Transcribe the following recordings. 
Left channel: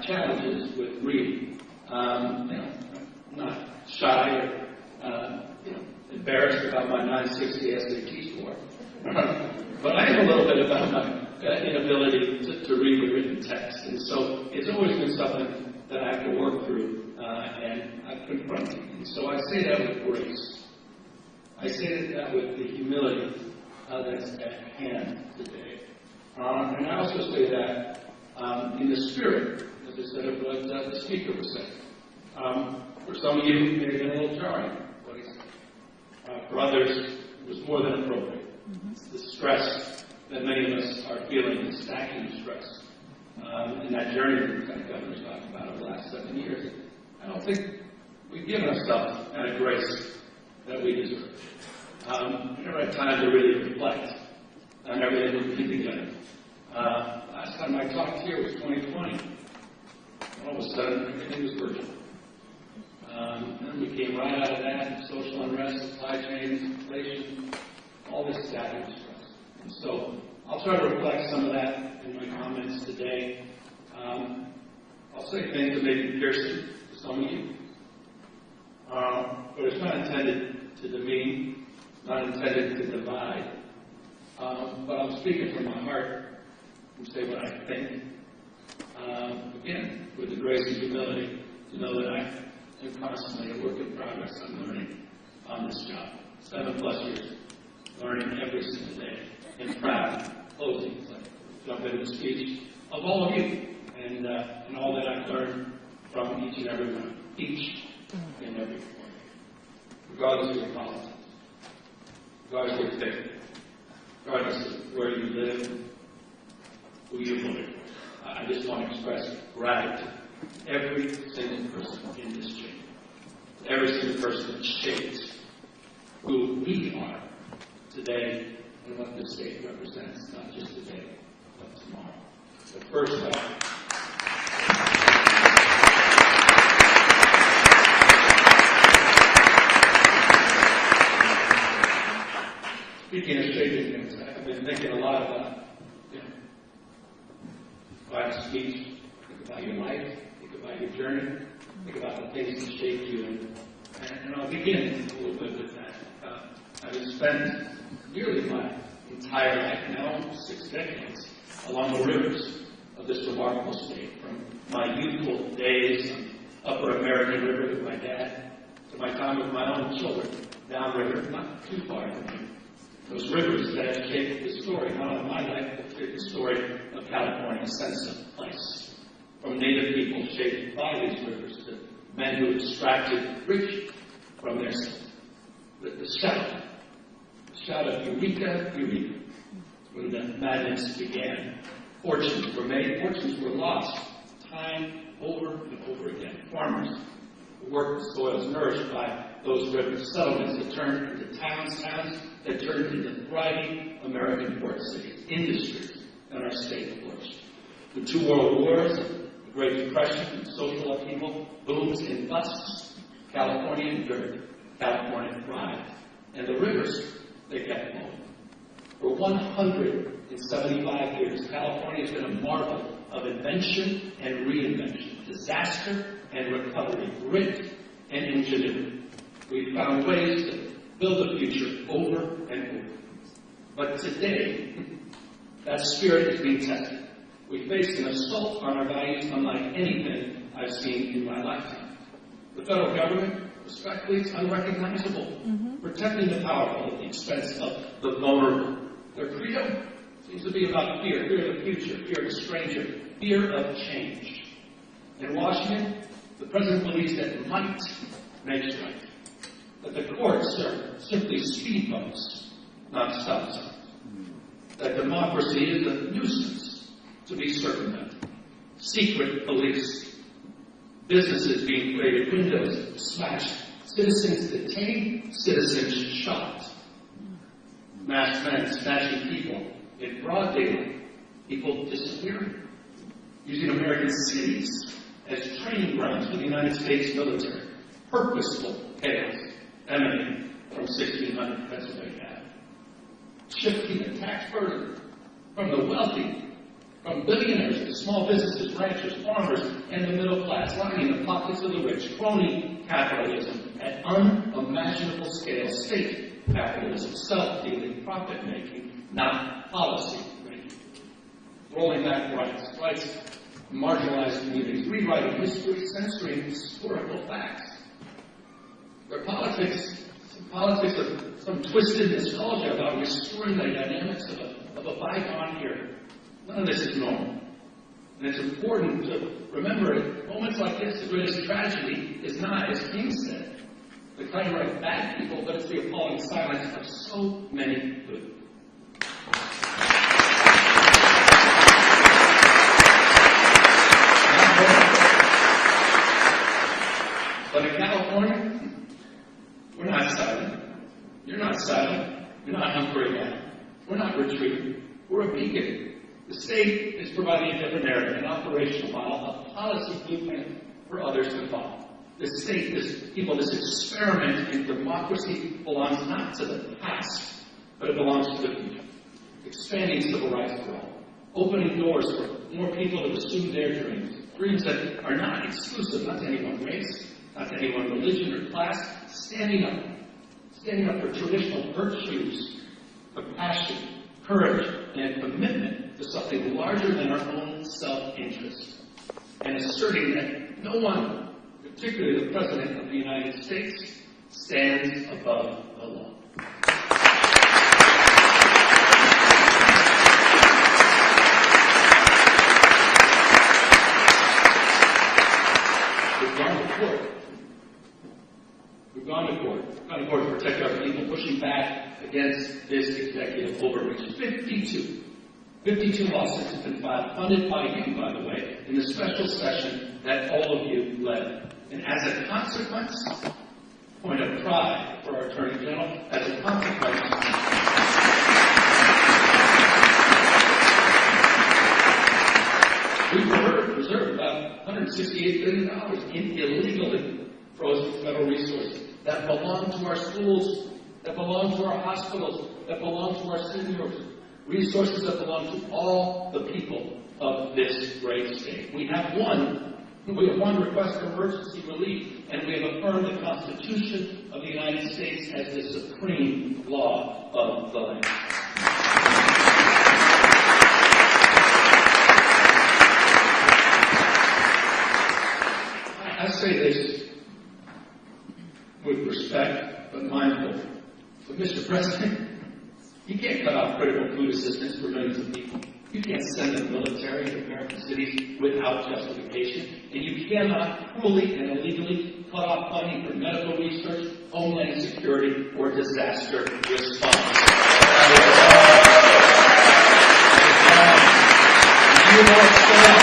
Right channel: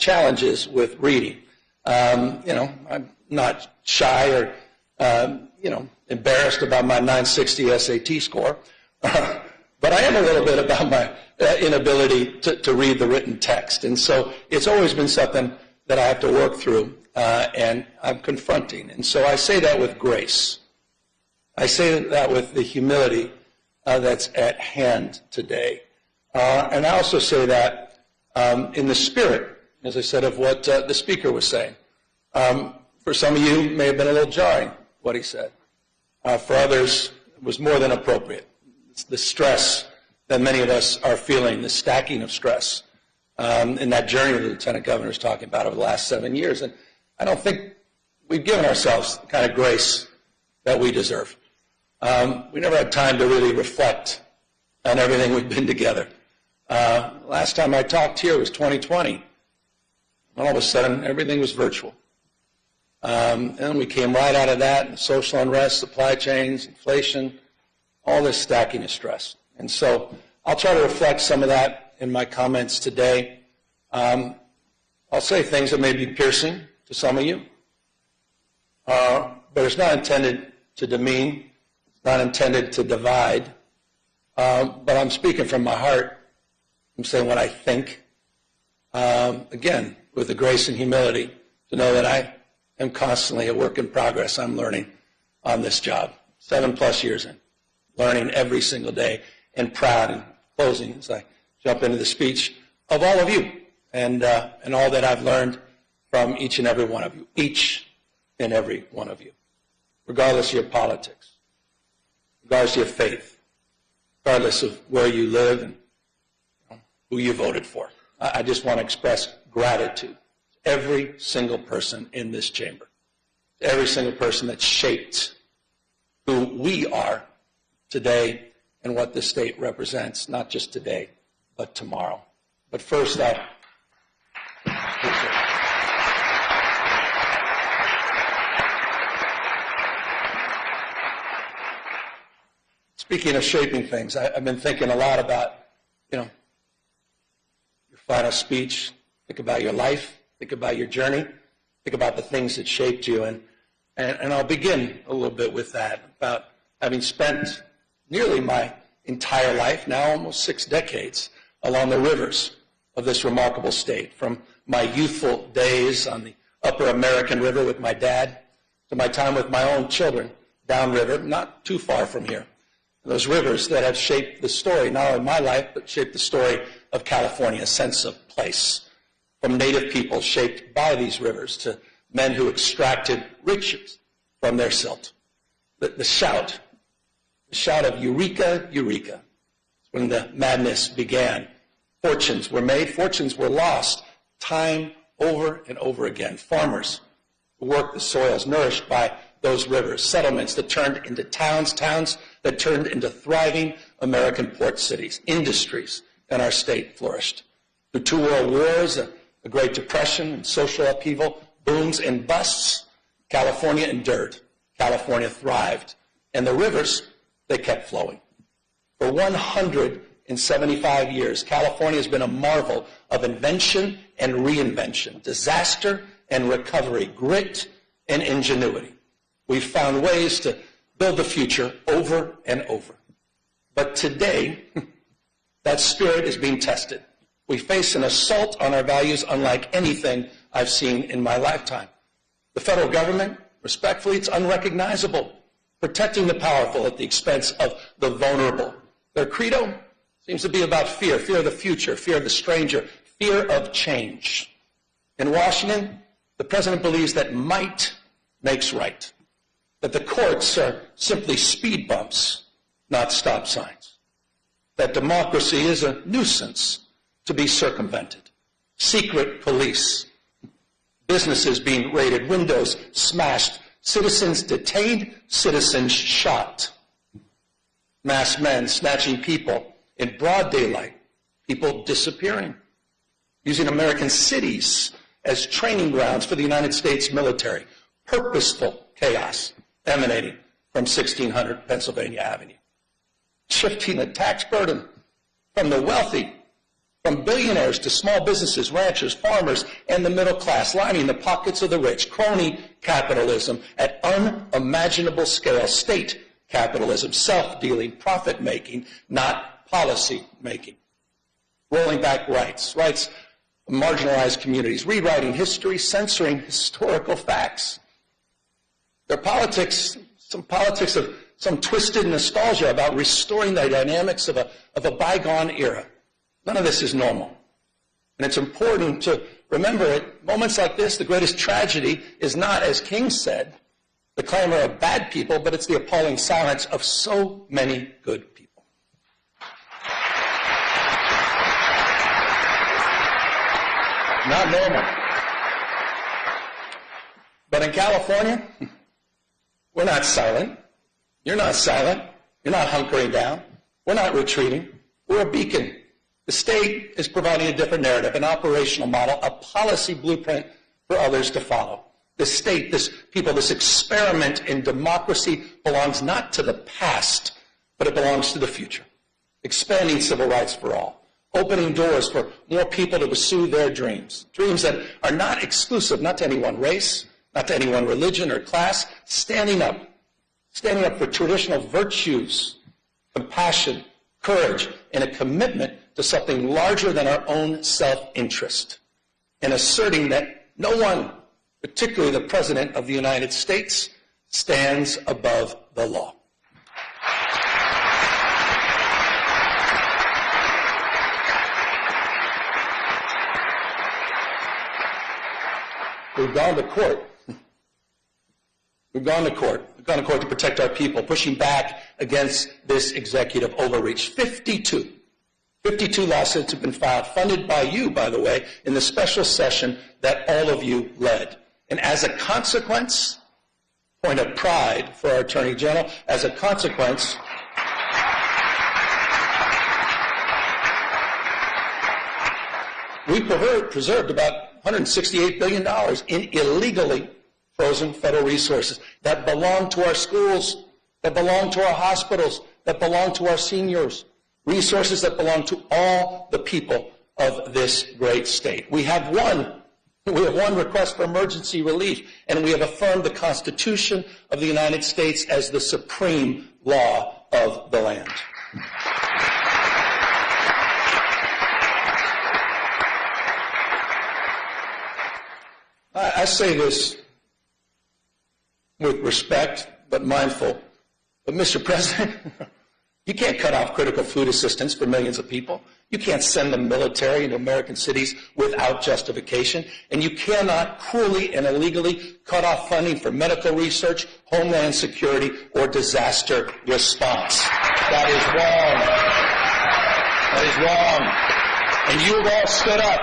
challenges with reading. I'm not shy or, embarrassed about my 960 SAT score, but I am a little bit about my inability to read the written text. And so it's always been something that I have to work through, and I'm confronting. And so I say that with grace. I say that with the humility that's at hand today. And I also say that in the spirit, as I said, of what the speaker was saying. For some of you, it may have been a little jarring, what he said. For others, it was more than appropriate. It's the stress that many of us are feeling, the stacking of stress in that journey the Lieutenant Governor is talking about over the last 7 years. And I don't think we've given ourselves the kind of grace that we deserve. We never had time to really reflect on everything we've been together. Last time I talked here was 2020. All of a sudden, everything was virtual. And we came right out of that, social unrest, supply chains, inflation, all this stacking of stress. And so I'll try to reflect some of that in my comments today. I'll say things that may be piercing to some of you, but it's not intended to demean, not intended to divide, but I'm speaking from my heart. I'm saying what I think, again, with the grace and humility to know that I am constantly a work in progress. I'm learning on this job, 7+ years in, learning every single day, and proud and closing as I jump into the speech of all of you and all that I've learned from each and every one of you, each and every one of you, regardless of your politics, regardless of your faith, regardless of where you live, who you voted for. I just want to express gratitude. Every single person in this chamber, every single person that shaped who we are today and what this state represents, not just today, but tomorrow. But first, speaking of shaping things, I've been thinking a lot about, final speech, think about your life, think about your journey, think about the things that shaped you. And I'll begin a little bit with that, about having spent nearly my entire life, now almost 6 decades, along the rivers of this remarkable state, from my youthful days on the upper American River with my dad to my time with my own children downriver, not too far from here. Those rivers that have shaped the story, not only my life, but shaped the story of California, a sense of place. From native people shaped by these rivers to men who extracted riches from their silt. The shout of Eureka, Eureka, when the madness began. Fortunes were made, fortunes were lost, time over and over again. Farmers who worked the soils nourished by those rivers, settlements that turned into towns that turned into thriving American port cities, industries, and our state flourished. Through 2 world wars, the Great Depression, and social upheaval, booms and busts, California endured. California thrived. And the rivers, they kept flowing. For 175 years, California has been a marvel of invention and reinvention, disaster and recovery, grit and ingenuity. We've found ways to build the future over and over. But today, that spirit is being tested. We face an assault on our values unlike anything I've seen in my lifetime. The federal government, respectfully, it's unrecognizable, protecting the powerful at the expense of the vulnerable. Their credo seems to be about fear, fear of the future, fear of the stranger, fear of change. In Washington, the president believes that might makes right, that the courts are simply speed bumps, not stop signs, that democracy is a nuisance to be circumvented, secret police, businesses being raided, windows smashed, citizens detained, citizens shot, masked men snatching people in broad daylight, people disappearing, using American cities as training grounds for the United States military, purposeful chaos emanating from 1600 Pennsylvania Avenue, shifting the tax burden from the wealthy from billionaires to small businesses, ranchers, farmers, and the middle class, lining the pockets of the rich. Crony capitalism at unimaginable scale. State capitalism, self-dealing, profit-making, not policy-making. Rolling back rights of marginalized communities, rewriting history, censoring historical facts. Their politics, some politics of some twisted nostalgia about restoring the dynamics of a bygone era. None of this is normal. And it's important to remember at moments like this, the greatest tragedy is not, as King said, the clamor of bad people, but it's the appalling silence of so many good people. Not normal. But in California, we're not silent. You're not silent. You're not hunkering down. We're not retreating. We're a beacon. The state is providing a different narrative, an operational model, a policy blueprint for others to follow. The state, this people, this experiment in democracy belongs not to the past, but it belongs to the future. Expanding civil rights for all. Opening doors for more people to pursue their dreams. Dreams that are not exclusive, not to any one race, not to any one religion or class. Standing up for traditional virtues, compassion, courage, and a commitment to something larger than our own self-interest. And asserting that no one, particularly the President of the United States, stands above the law. We've gone to court. We've gone to court. We've gone to court to protect our people, pushing back against this executive overreach. 52 lawsuits have been filed, funded by you, by the way, in the special session that all of you led. And as a consequence, point of pride for our Attorney General, as a consequence, we preserved about $168 billion in illegally frozen federal resources that belong to our schools, that belong to our hospitals, that belong to our seniors, resources that belong to all the people of this great state. We have one request for emergency relief, and we have affirmed the Constitution of the United States as the supreme law of the land. I say this with respect, but mindful. But, Mr. President, you can't cut off critical food assistance for millions of people. You can't send the military into American cities without justification. And you cannot cruelly and illegally cut off funding for medical research, homeland security, or disaster response. That is wrong. And you will stand up.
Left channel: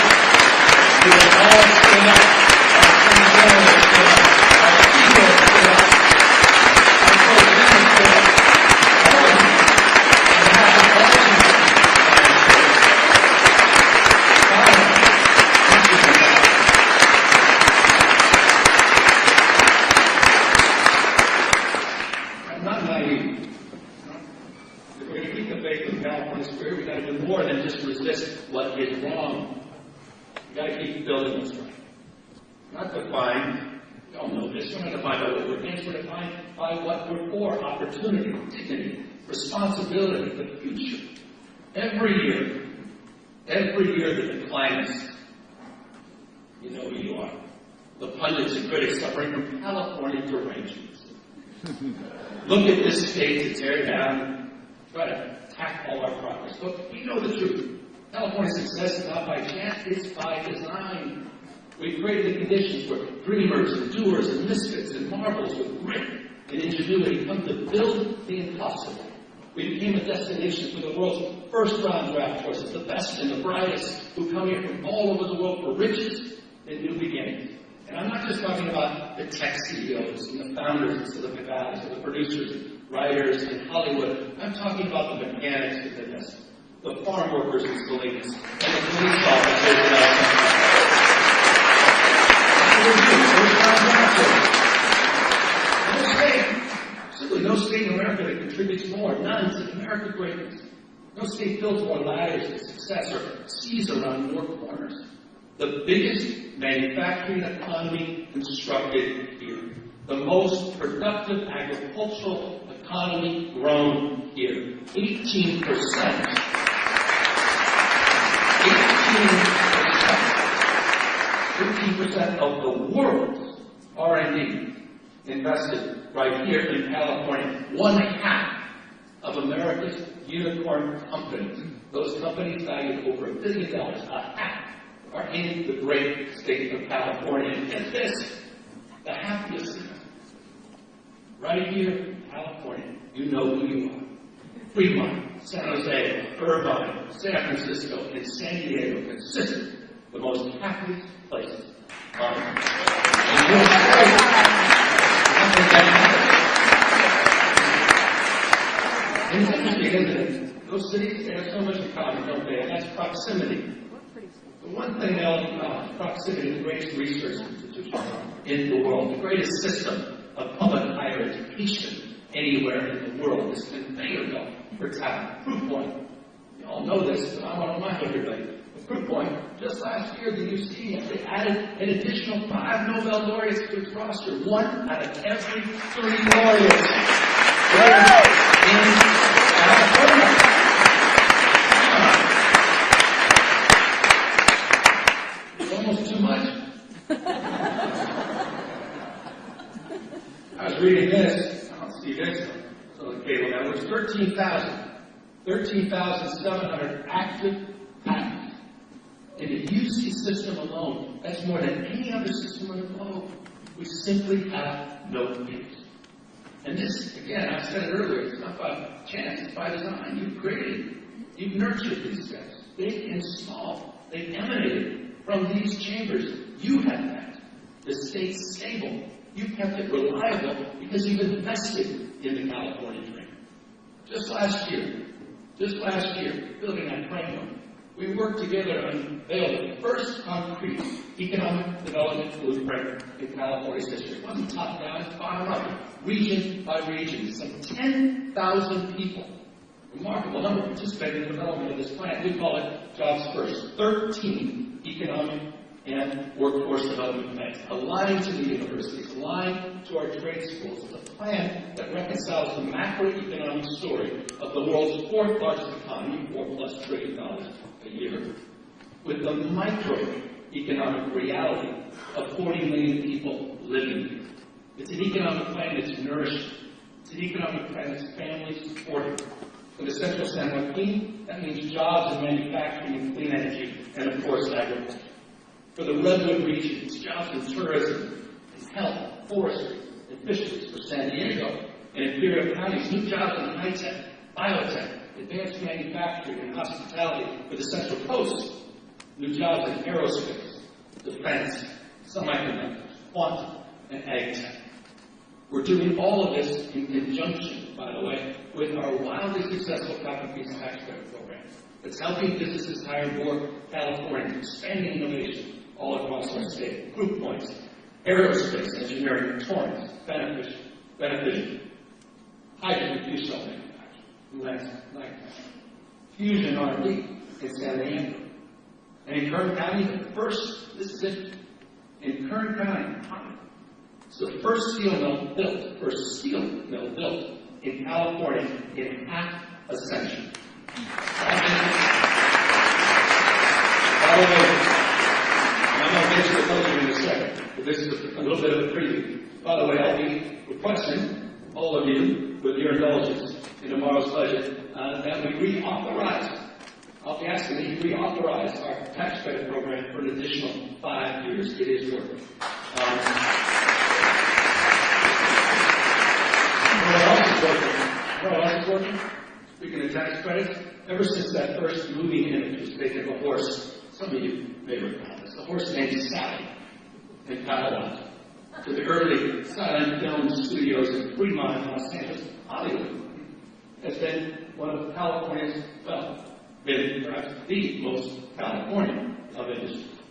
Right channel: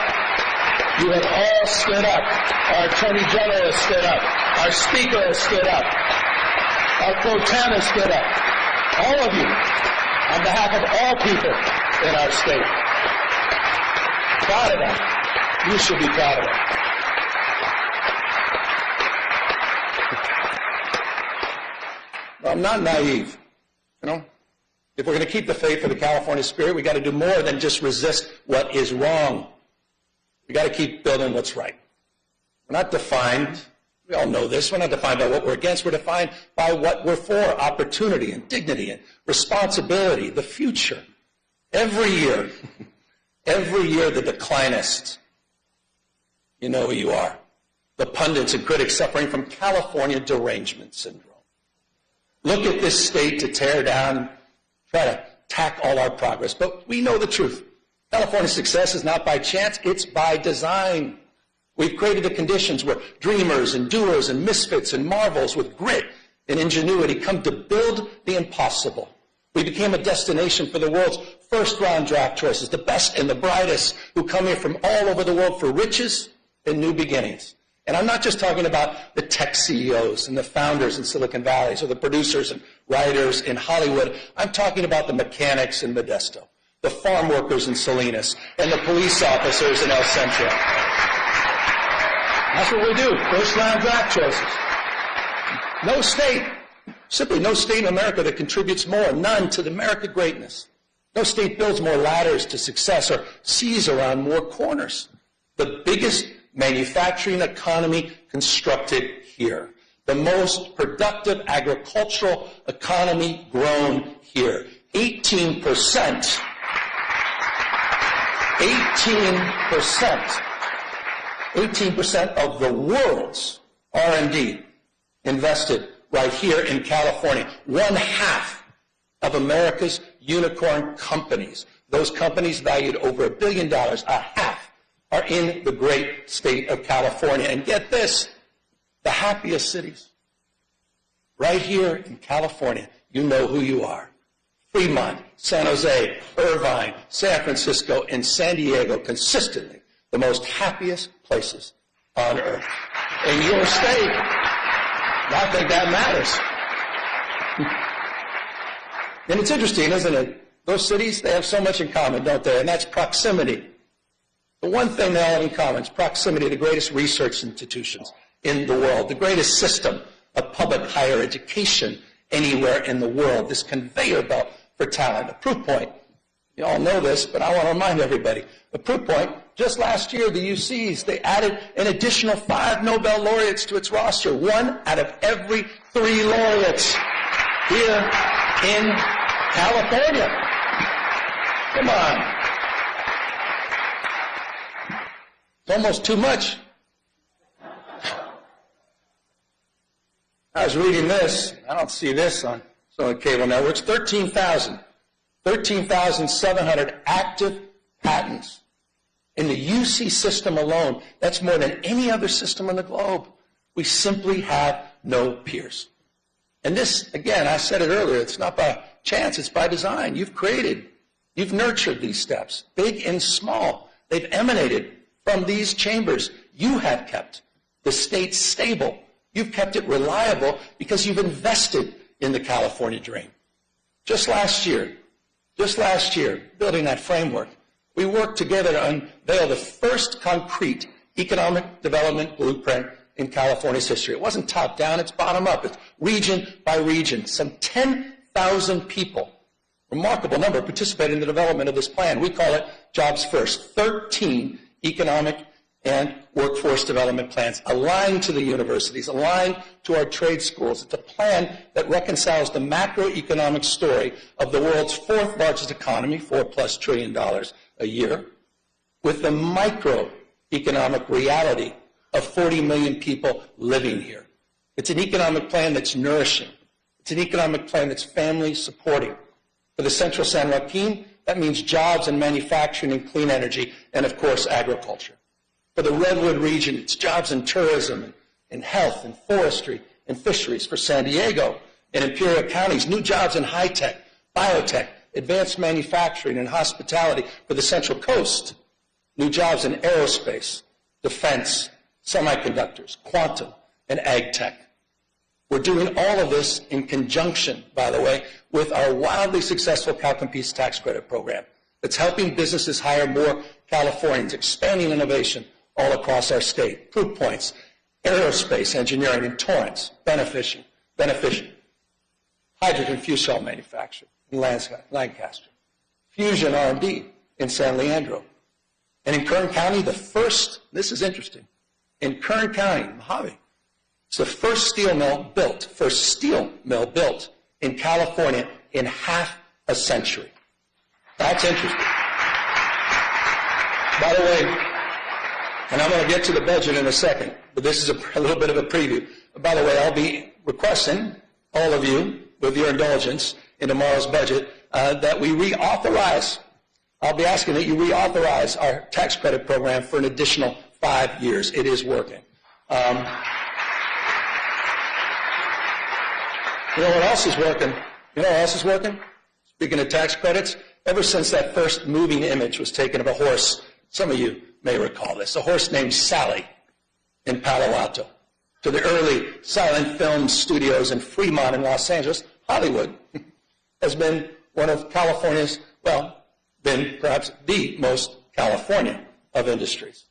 You will all stand up. Our Attorney General will stand up. Our Speaker will stand up. Our Pro Tem will stand up. All of you, on behalf of all people in our state. Proud of us. We should be proud. I'm not naive, you know. If we're going to keep the faith of the California spirit, we've got to do more than just resist what is wrong. We've got to keep building what's right. We're not defined, we all know this, we're not defined by what we're against, we're defined by what we're for, opportunity and dignity and responsibility, the future. Every year, the declinists, you know who you are, the pundits and critics suffering from California derangement syndrome. Look at this state to tear down, try to attack all our progress. But we know the truth. California's success is not by chance, it's by design. We've created the conditions where dreamers and doers and misfits and marvels with grit and ingenuity come to build the impossible. We became a destination for the world's first-round draft choices, the best and the brightest who come here from all over the world for riches and new beginnings. And I'm not just talking about the tech CEOs and the founders in Silicon Valley or the producers and writers in Hollywood. I'm talking about the mechanics in Modesto, the farm workers in Salinas, and the police officers in El Centro. No state, simply no state in America that contributes more, none, to the American greatness No state builds more ladders to success or sees around more corners. The biggest manufacturing economy constructed here. The most productive agricultural economy grown here. 18%. 18% of the world's R&D invested right here in California. 1/2 of America's unicorn companies, those companies valued over $1 billion, 1/2 are in the great state of California. And get this, the happiest cities. Right here in California, you know who you are. Fremont, San Jose, Irvine, San Francisco, and San Diego, consistently the most happiest places on earth. In your state, I think that matters. And it's interesting, isn't it? Those cities, they have so much in common, don't they? And that's proximity. The one thing they all have in common is proximity to the greatest research institutions in the world, the greatest system of public higher education anywhere in the world, this conveyor belt for talent. A proof point, you all know this, but I want to remind everybody. The proof point, just last year, the UCs, they added an additional 5 Nobel laureates to its roster. 1 out of every 3 laureates here in California. Come on. It's almost too much. I was reading this. I don't see this on some of the cable networks. 13,700 active patents in the UC system alone. That's more than any other system on the globe. We simply have no peers. And this, again, I said it earlier, it's not by chance, it's by design. You've nurtured these steps, big and small. They've emanated from these chambers. You have kept the state stable. You've kept it reliable because you've invested in the California dream. Just last year, building that framework, we worked together to unveil the first concrete economic development blueprint in California's history. It wasn't top-down, it's bottom-up. It's region by region. Some 10,000 people, remarkable number, participated in the development of this plan. We call it Jobs First. 13 economic and workforce development plans aligned to the universities, aligned to our trade schools. It's a plan that reconciles the macroeconomic story of the world's 4th largest economy, $4+ trillion a year, with the microeconomic reality of 40 million people living here. It's an economic plan that's nourishing. It's an economic plan that's family supporting. For the Central San Joaquin, that means jobs in manufacturing and clean energy, and of course, agriculture. For the Redwood region, it's jobs in tourism, in health, and forestry, and fisheries. For San Diego and Imperial counties, new jobs in high-tech, biotech, advanced manufacturing, and hospitality. For the Central Coast, new jobs in aerospace, defense, semiconductors, quantum, and ag tech. We're doing all of this in conjunction, by the way, with our wildly successful CalCompetes tax credit program that's helping businesses hire more Californians, expanding innovation all across our state. Proof points, aerospace engineering in Torrance, beneficial. Hydrogen fuel cell manufacturing in Lancaster. Fusion R&D in San Leandro. And in Kern County, this is interesting, in Kern County, Javi, it's the first steel mill built in California in half a century. That's interesting. By the way, and I'm going to get to the budget in a second, but this is a little bit of a preview. But by the way, I'll be requesting all of you, with your indulgence, in tomorrow's budget, that we reauthorize. I'll be asking that you reauthorize our tax credit program for an additional 5 years. It is working. You know what else is working? Speaking of tax credits, ever since that first moving image was taken of a horse, some of you may recall this, a horse named Sally in Palo Alto, to the early silent film studios in Fremont in Los Angeles, Hollywood has been one of California's, been perhaps the most Californian of industries.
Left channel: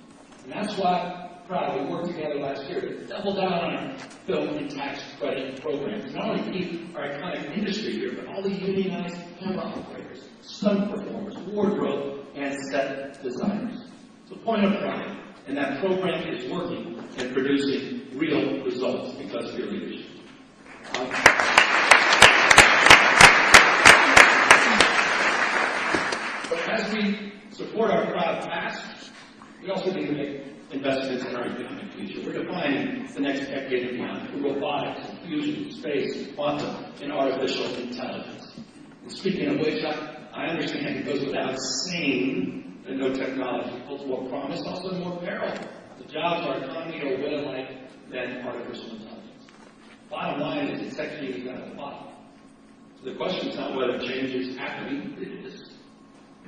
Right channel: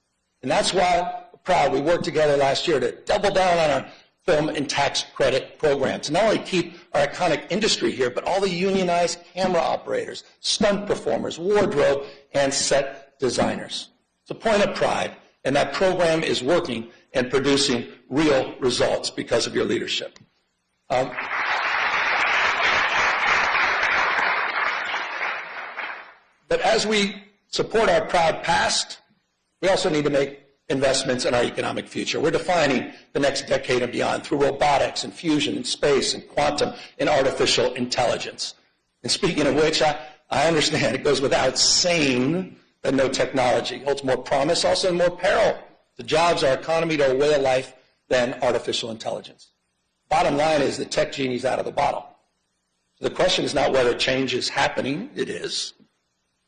And that's why, proud, we worked together last year to double down on our film and tax credit programs. Not only keep our iconic industry here, but all the unionized camera operators, stunt performers, wardrobe, and set designers. It's a point of pride, and that program is working and producing real results because of your leadership. But as we support our proud past, we also need to make investments in our economic future. We're defining the next decade and beyond through robotics and fusion and space and quantum and artificial intelligence. And speaking of which, I understand it goes without saying that no technology holds more promise, also more peril to jobs, our economy, to our way of life than artificial intelligence. Bottom line is the tech genie's out of the bottle. The question is not whether change is happening, it is.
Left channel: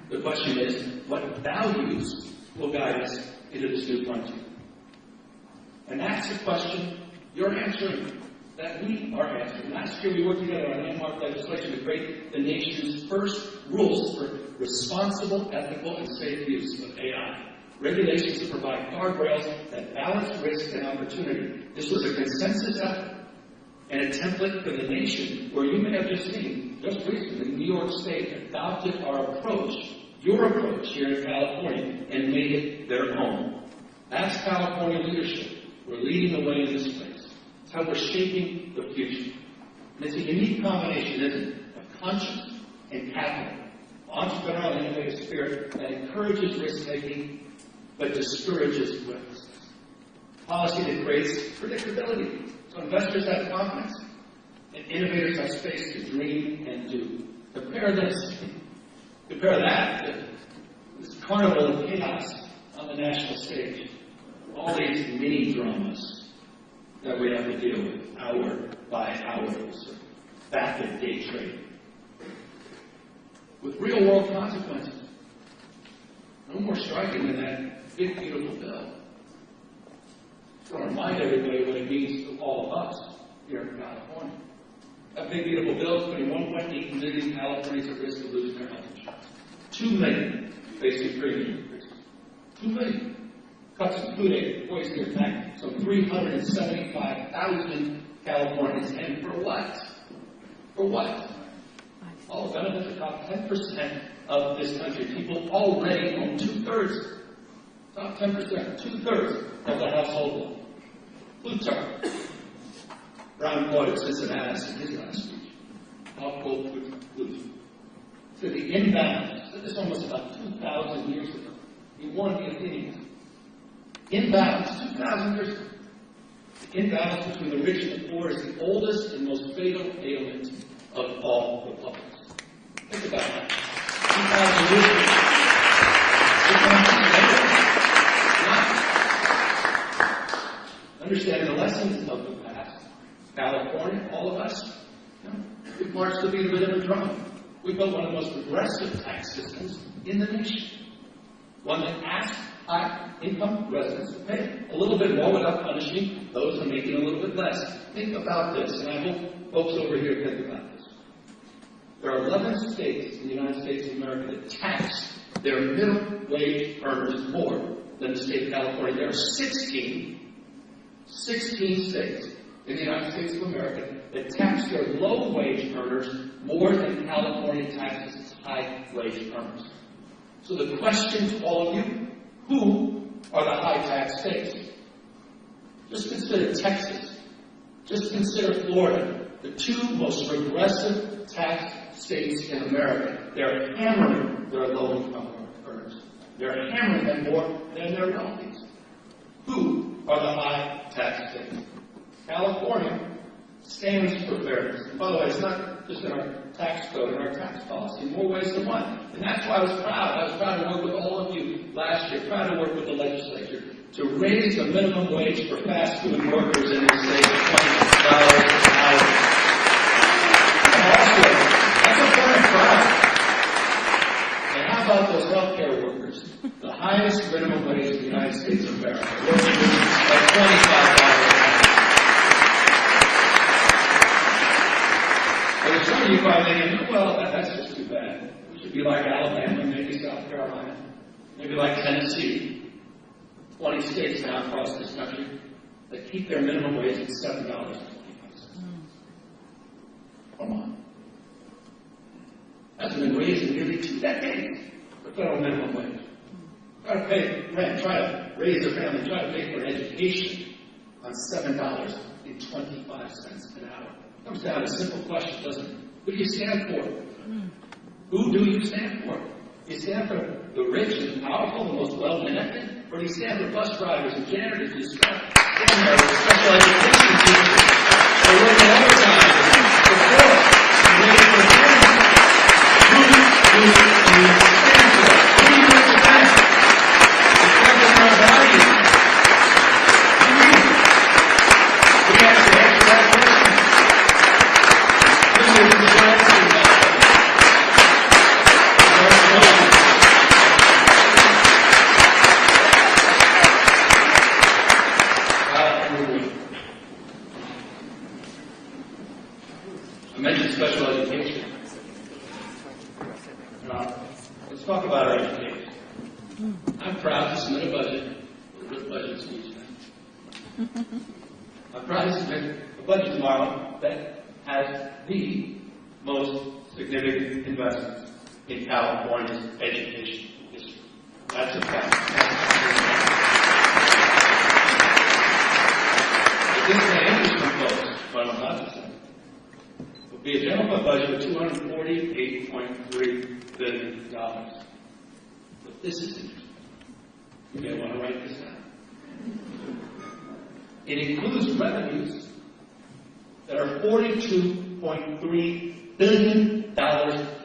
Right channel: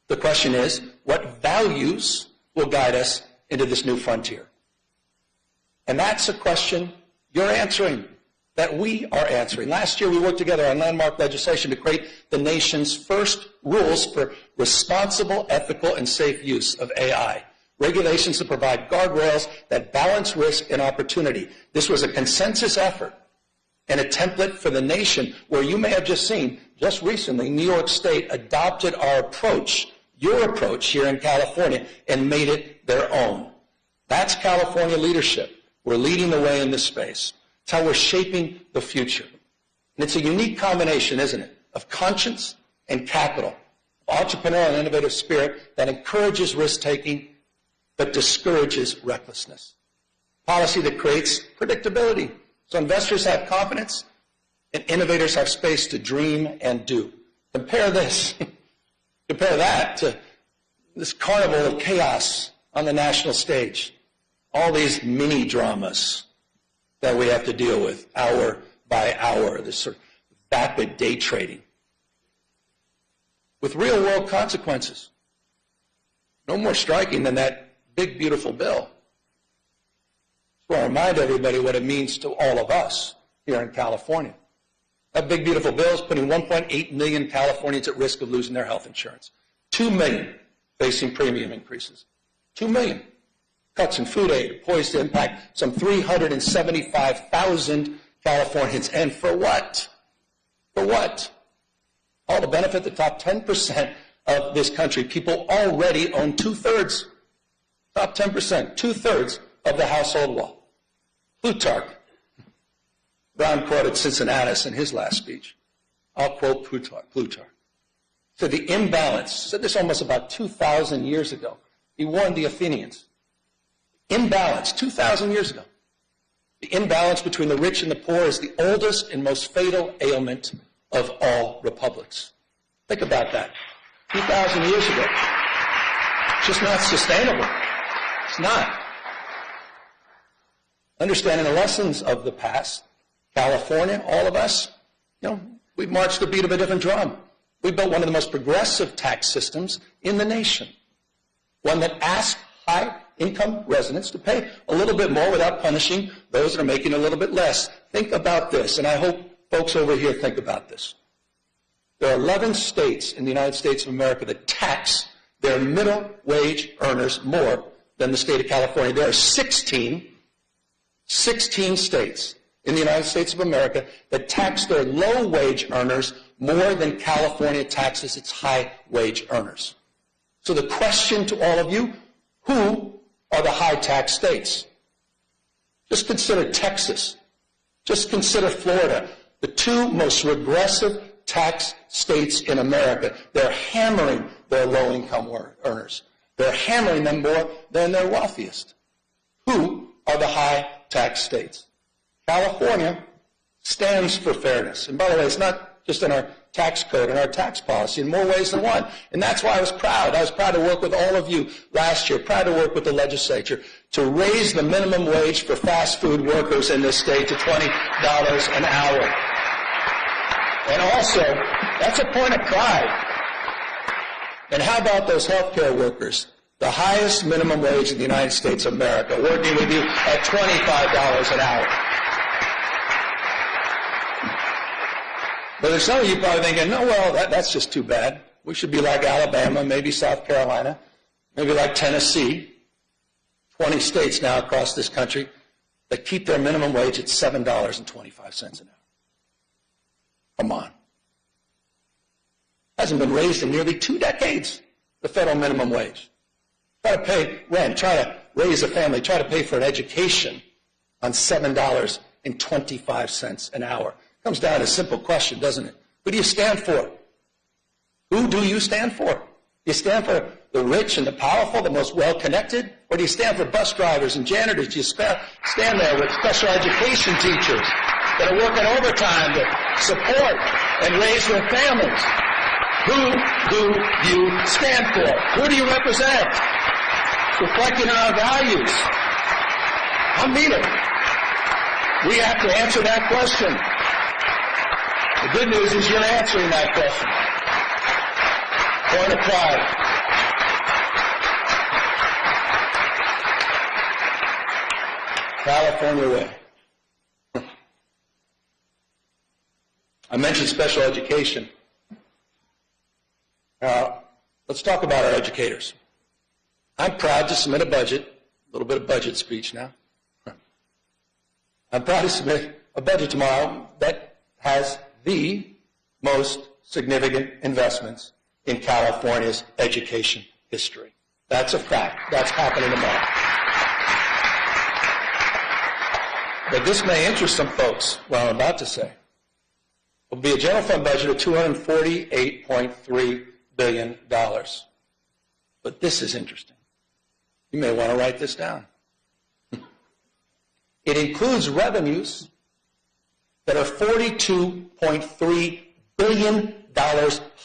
The question is, what values will guide us into this new frontier? And that's a question you're answering, that we are answering. Last year we worked together on landmark legislation to create the nation's first rules for responsible, ethical, and safe use of AI. Regulations that provide guardrails that balance risk and opportunity. This was a consensus effort and a template for the nation where you may have just seen, just recently, New York State adopted our approach, your approach here in California, and made it their own. That's California leadership. We're leading the way in this space. It's how we're shaping the future. And it's a unique combination, isn't it, of conscience and capital, entrepreneurial and innovative spirit that encourages risk-taking but discourages recklessness. Policy that creates predictability, so investors have confidence and innovators have space to dream and do. Compare that to this carnival of chaos on the national stage. All these mini dramas that we have to deal with hour by hour, this sort of vapid day trading with real world consequences. No more striking than that big, beautiful bill. So I remind everybody what it means to all of us here in California. That big, beautiful bill is putting 1.8 million Californians at risk of losing their health insurance. 2 million facing premium increases. 2 million. Cuts in food aid poised to impact some 375,000 Californians. And for what? For what? All to benefit the top 10% of this country. People already own 2/3. Top 10%, 2/3 of the household wealth. Plutarch. Brown quoted Cincinnatus in his last speech. I'll quote Plutarch. So the imbalance, said this almost about 2,000 years ago. He warned the Athenians. Imbalance, 2,000 years ago. The imbalance between the rich and the poor is the oldest and most fatal ailment of all republics. Think about that. 2,000 years ago. It's just not sustainable. It's not. Understanding the lessons of the past, California, all of us, we marched the beat of a different drum. We built one of the most progressive tax systems in the nation. One that asked high-income residents to pay a little bit more without punishing those that are making a little bit less. Think about this, and I hope folks over here think about this. There are 11 states in the United States of America that tax their minimum wage earners more than the state of California. There are 16 states in the United States of America that tax their low-wage earners more than California taxes its high-wage earners. So the question to all of you, who are the high-tax states? Just consider Texas. Just consider Florida, the two most regressive tax states in America. They're hammering their low-income earners. They're hammering them more than their wealthiest. Who are the high-tax states? California stands for fairness. And by the way, it's not just in our tax code and our tax policy in more ways than one. And that's why I was proud. I was proud to work with all of you last year, proud to work with the legislature to raise the minimum wage for fast food workers in this state to $20 an hour. And also, that's a point of pride. And how about those healthcare workers? The highest minimum wage in the United States of America, working with you at $25 an hour. But some of you probably thinking, no, well, that's just too bad. We should be like Alabama, maybe South Carolina, maybe like Tennessee. 20 states now across this country that keep their minimum wage at $7.25. Come on. Hasn't been raised in nearly 2 decades, the federal minimum wage. Try to pay rent, try to raise a family, try to pay for an education on $7.25 an hour. It comes down to a simple question, doesn't it? Who do you stand for? Who do you stand for? Do you stand for the rich and the powerful, the most well-connected? Or do you stand for bus drivers and janitors? Do you stand there with special education teachers that work overtime to support and raise their family? Who do you stand for? Who do you represent? Reflecting our values. We have to answer that question. This is the short answer to that question. I mentioned special education. Let's talk about our educators. I'm proud to submit a budget, a little bit of budget speech now. I'm proud to submit a budget tomorrow that has the most significant investments in California's education history. That's a fact. That's happening about. But this may interest some folks, what I'm about to say. It will be a general fund budget of $248.3 billion. But this is interesting. You may want to write this down. It includes revenues that are $42.3 billion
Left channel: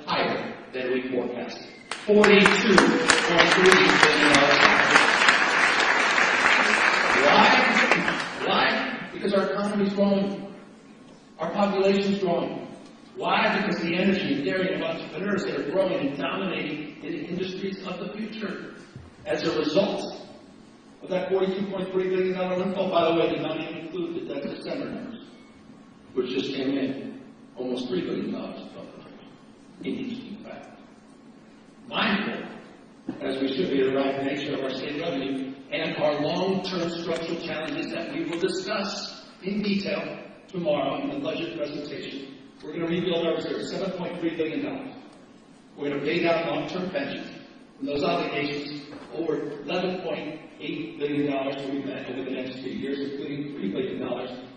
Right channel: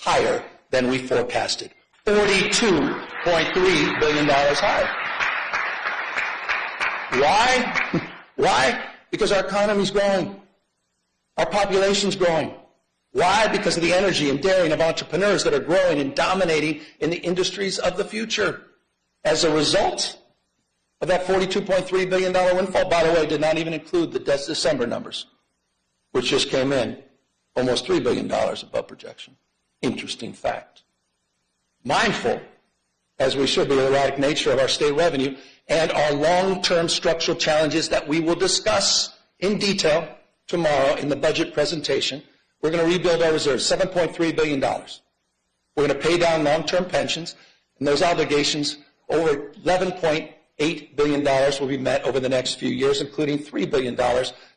higher than we forecasted. $42.3 billion higher. Why? Because our economy's growing. Our population's growing. Why? Because of the energy and daring of entrepreneurs that are growing and dominating in the industries of the future. As a result of that $42.3 billion windfall, by the way, did not even include the December numbers, which just came in, almost $3 billion above projection. Interesting fact. Mindful, as we should be, of the right nature of our state revenue and our long-term structural challenges that we will discuss in detail tomorrow in the budget presentation, we're going to rebuild our reserves, $7.3 billion. We're going to pay down long-term pensions, and those obligations, over $11.8 billion will be met over the next few years, including $3 billion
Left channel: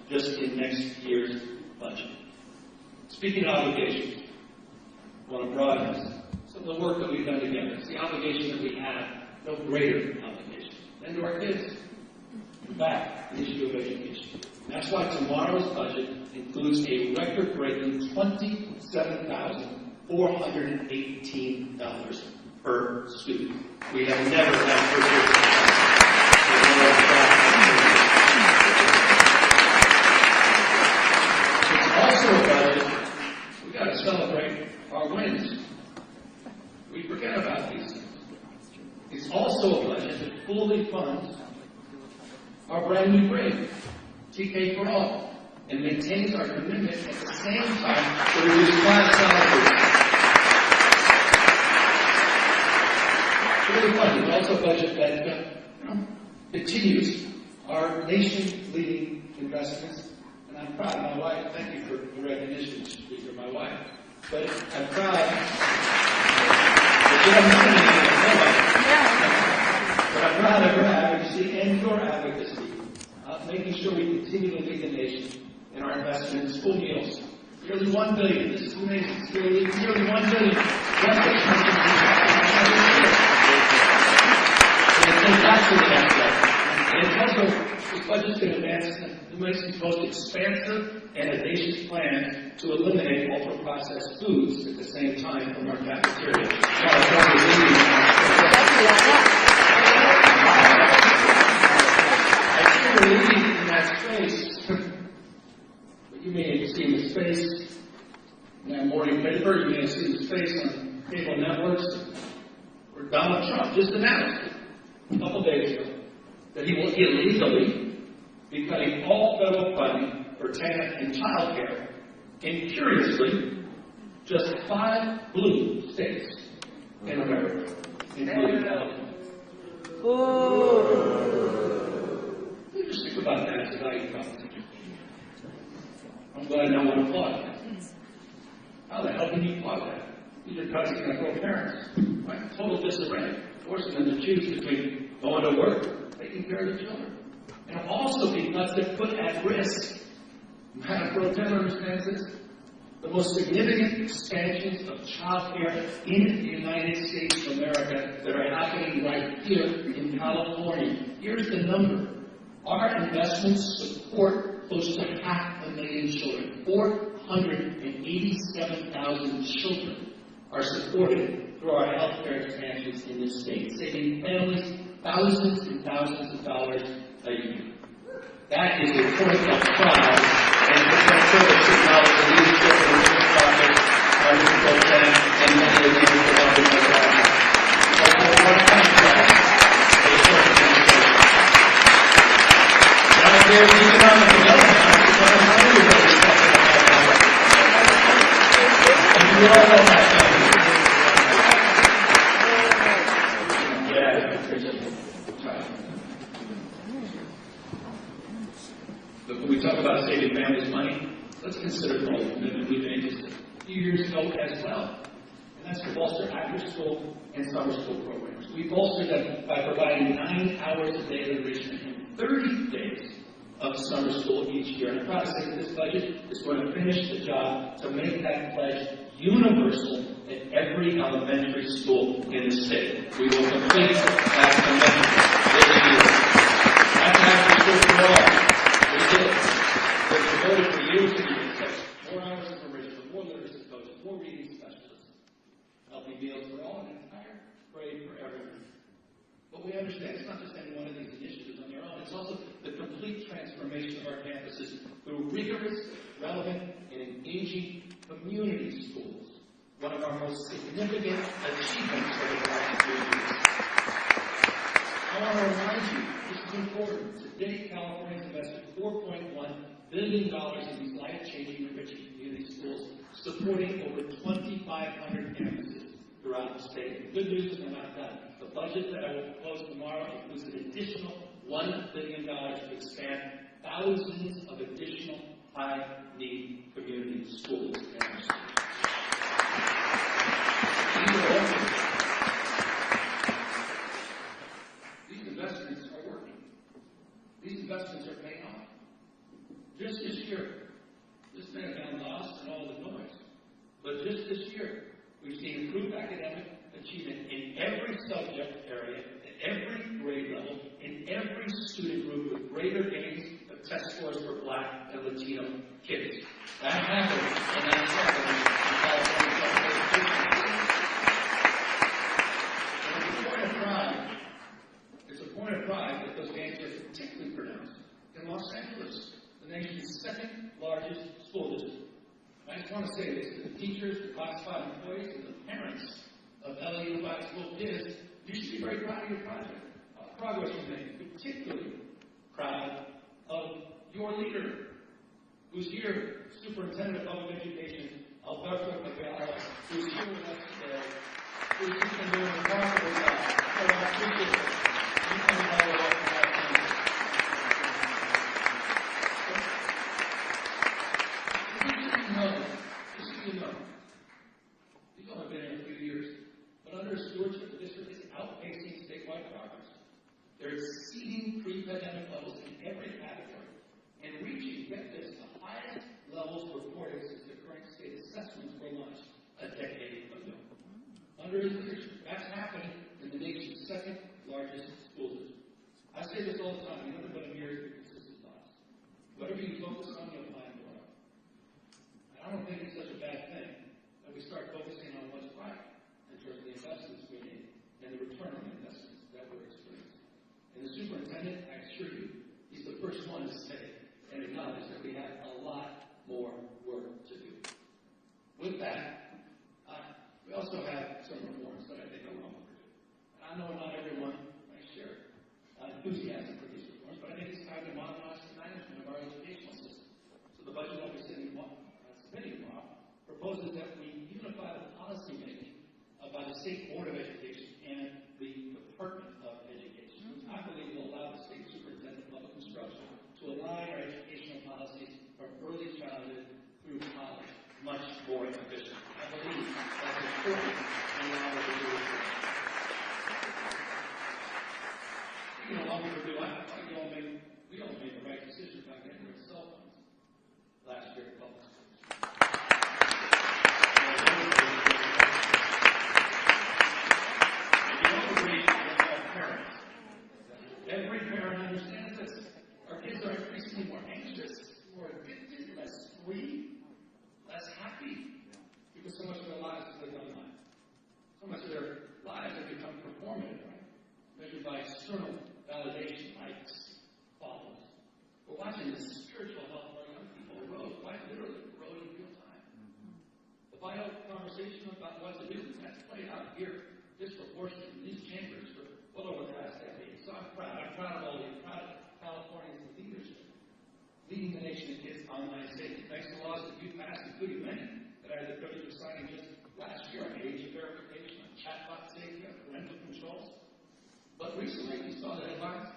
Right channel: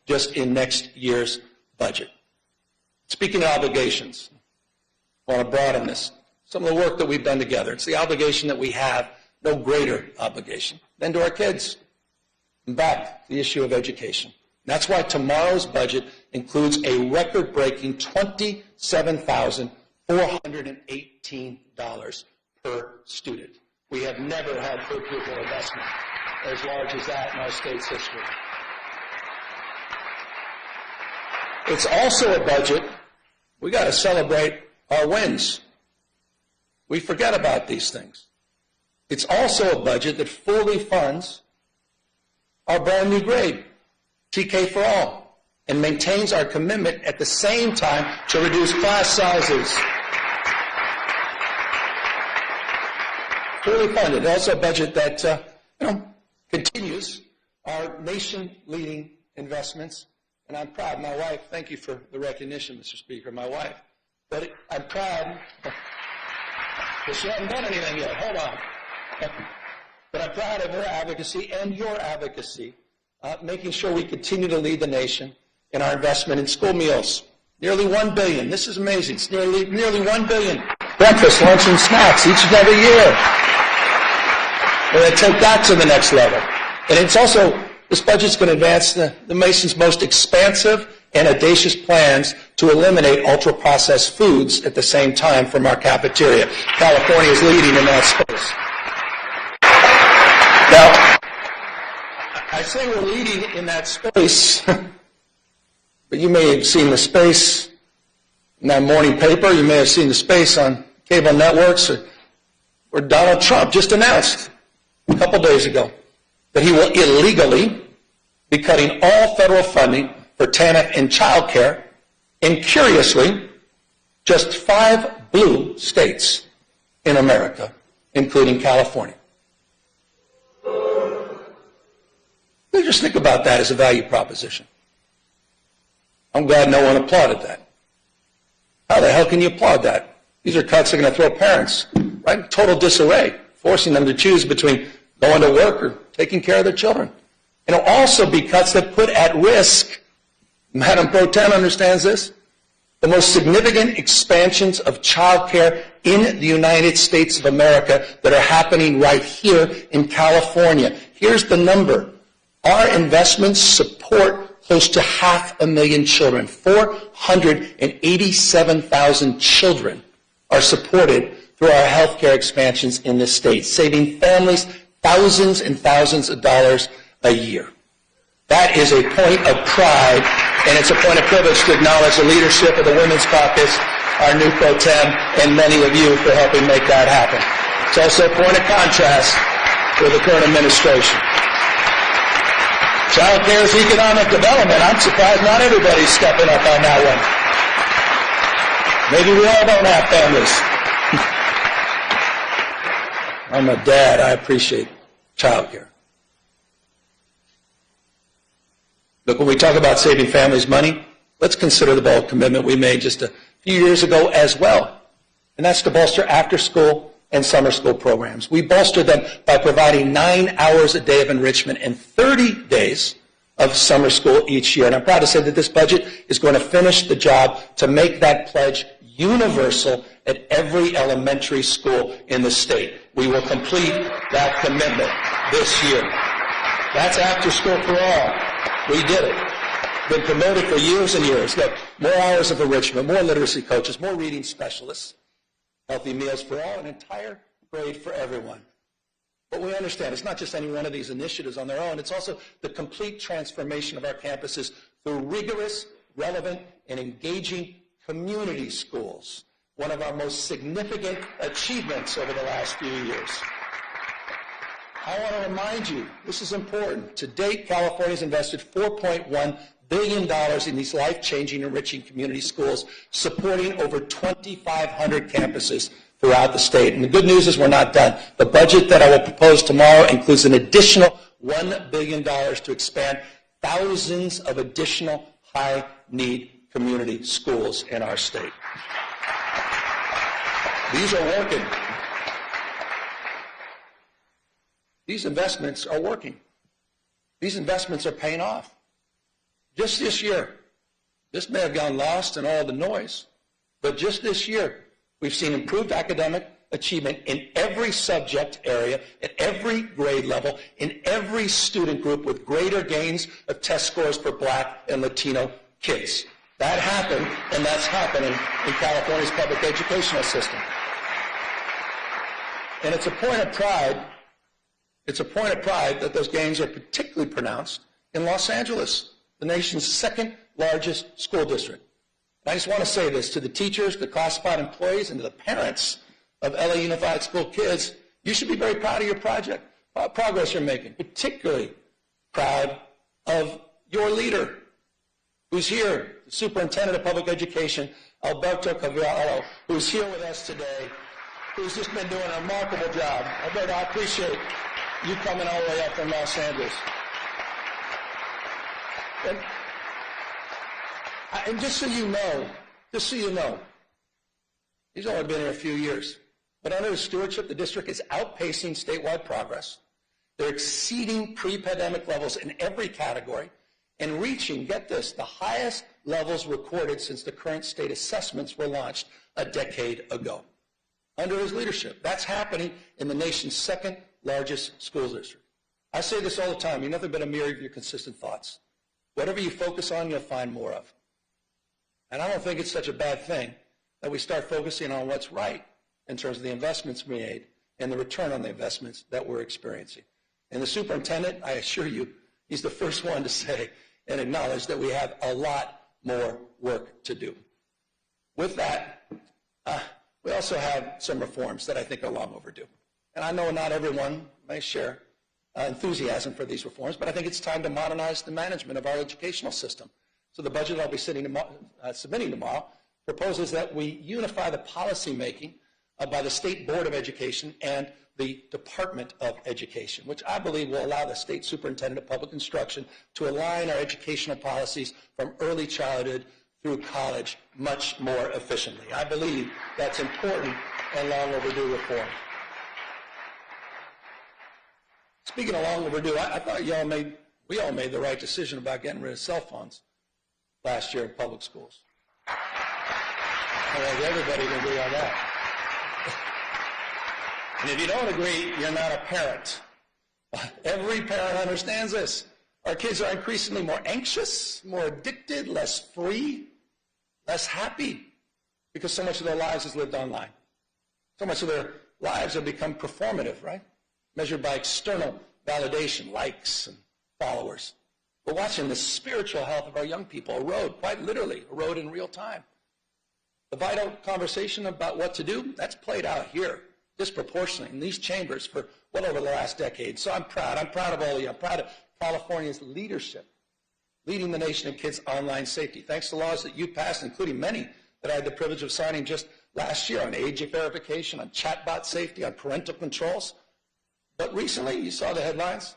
just in next year's budget. Speaking of obligations, I want to broaden this. Some of the work that we've done together, it's the obligation that we have, no greater obligation than to our kids. And back, the issue of education. That's why tomorrow's budget includes a record-breaking $27,418 per student. We have never had per student. It's also a budget, we got to celebrate our wins. We forget about these things. It's also a budget that fully funds our brand new grade, TK for All, and maintains our commitment at the same time to reduce class sizes. Fully funded. It's also a budget that continues our nation-leading investments. And I'm proud. My wife, thank you for the recognition, Mr. Speaker, my wife. But I'm proud. But I'm proud of her advocacy and your advocacy, making sure we continue to lead the nation in our investment in school meals. Nearly $1 billion. This is amazing. It's nearly $1 billion. Breakfast, lunch, and snacks each and every year. We're going to take that to the next level. And it's also, this budget's going to advance the nation's most expansive and audacious plans to eliminate ultra-processed foods at the same time from our cafeteria. California is leading in that space. Now, I say we're leading in that space, but you may have seen the space in that morning paper. You may have seen the space on cable networks, where Donald Trump just announced a couple days ago that he will illegally be cutting all federal funding for TANF and child care in, curiously, just 5 blue states in America, including California. Just think about that as a value proposition. I'm glad no one applauded that. How the hell can you applaud that? These are cuts that are going to throw parents right in total disarray, forcing them to choose between going to work or taking care of their children. And it'll also be cuts that put at risk, Madam Pro Tem understands this, the most significant expansions of child care in the United States of America that are happening right here in California. Here's the number. Our investments support close to 500,000 children. 487,000 children are supported through our health care expansions in this state, saving families thousands and thousands of dollars a year. That is a point of pride, and it's a point of privilege to acknowledge the leadership of the Women's Caucus, our new Pro Tem, and many of you for helping make that happen. It's also a point of contrast with the current administration. Child care is economic development. I'm surprised not everybody's stepping up on that one. Maybe we all don't have families. I'm a dad. I appreciate child care. Look, when we talk about saving families money, let's consider the bold commitment we made just a few years ago as well, and that's to bolster after-school and summer school programs. We bolstered them by providing 9 hours a day of enrichment and 30 days of summer school each year. And I'm proud to say that this budget is going to finish the job to make that pledge universal at every elementary school in the state. We will complete that commitment this year. That's after school for all. We did it. Been promoted for years and years. Look, more hours of enrichment, more literacy coaches, more reading specialists, healthy meals for all, an entire grade for everyone. But we understand it's not just any one of these initiatives on their own. It's also the complete transformation of our campuses through rigorous, relevant, and engaging community schools, one of our most significant achievements over the last few years. I want to remind you, this is important. To date, California has invested $4.1 billion in these life-changing, enriching community schools, supporting over 2,500 campuses throughout the state. And the good news is we're not done. The budget that I will propose tomorrow includes an additional $1 billion to expand thousands of additional high-need community schools in our state. These are working. These investments are working. These investments are paying off. Just this year, this may have gone lost in all the noise, but just this year, we've seen improved academic achievement in every subject area, at every grade level, in every student group, with greater gains of test scores for Black and Latino kids. That happened, and that's happening in California's public educational system. And it's a point of pride. It's a point of pride that those gains are particularly pronounced in Los Angeles, the nation's second largest school district. I just want to say this to the teachers, the classified employees, and to the parents of LA Unified School kids. You should be very proud of your progress you're making, particularly proud of your leader, who's here, Superintendent of Public Education, Alberto Cavallo, who's here with us today, who's just been doing a remarkable job. Alberto, I appreciate you coming all the way up from Los Angeles. And just so you know, he's only been here a few years, but under his stewardship, the district is outpacing statewide progress. They're exceeding pre-pandemic levels in every category and reaching, get this, the highest levels recorded since the current state assessments were launched a decade ago. Under his leadership, that's happening in the nation's second largest school district. I say this all the time, you're nothing but a mirror of your consistent thoughts. Whatever you focus on, you'll find more of. And I don't think it's such a bad thing that we start focusing on what's right in terms of the investments we made and the return on the investments that we're experiencing. And the superintendent, I assure you, he's the first one to say and acknowledge that we have a lot more work to do. With that, we also have some reforms that I think are long overdue. And I know not everyone may share enthusiasm for these reforms, but I think it's time to modernize the management of our educational system. So the budget I'll be submitting tomorrow proposes that we unify the policy making by the State Board of Education and the Department of Education, which I believe will allow the State Superintendent of Public Instruction to align our educational policies from early childhood through college much more efficiently. I believe that's important and long overdue reform. Speaking of long overdue, I thought we all made the right decision about getting rid of cell phones last year in public schools. Everybody can agree on that. And if you don't agree, you're not a parent. Every parent understands this. Our kids are increasingly more anxious, more addicted, less free, less happy, because so much of their lives is lived online. So much of their lives have become performative, right? Measured by external validation, likes and followers. We're watching the spiritual health of our young people erode, quite literally, erode in real time. The vital conversation about what to do, that's played out here disproportionately in these chambers for well over the last decade. So I'm proud. I'm proud of all of you. I'm proud of California's leadership, leading the nation in kids' online safety. Thanks to laws that you passed, including many that I had the privilege of signing just last year on age verification, on chatbot safety, on parental controls. But recently, you saw the headlines.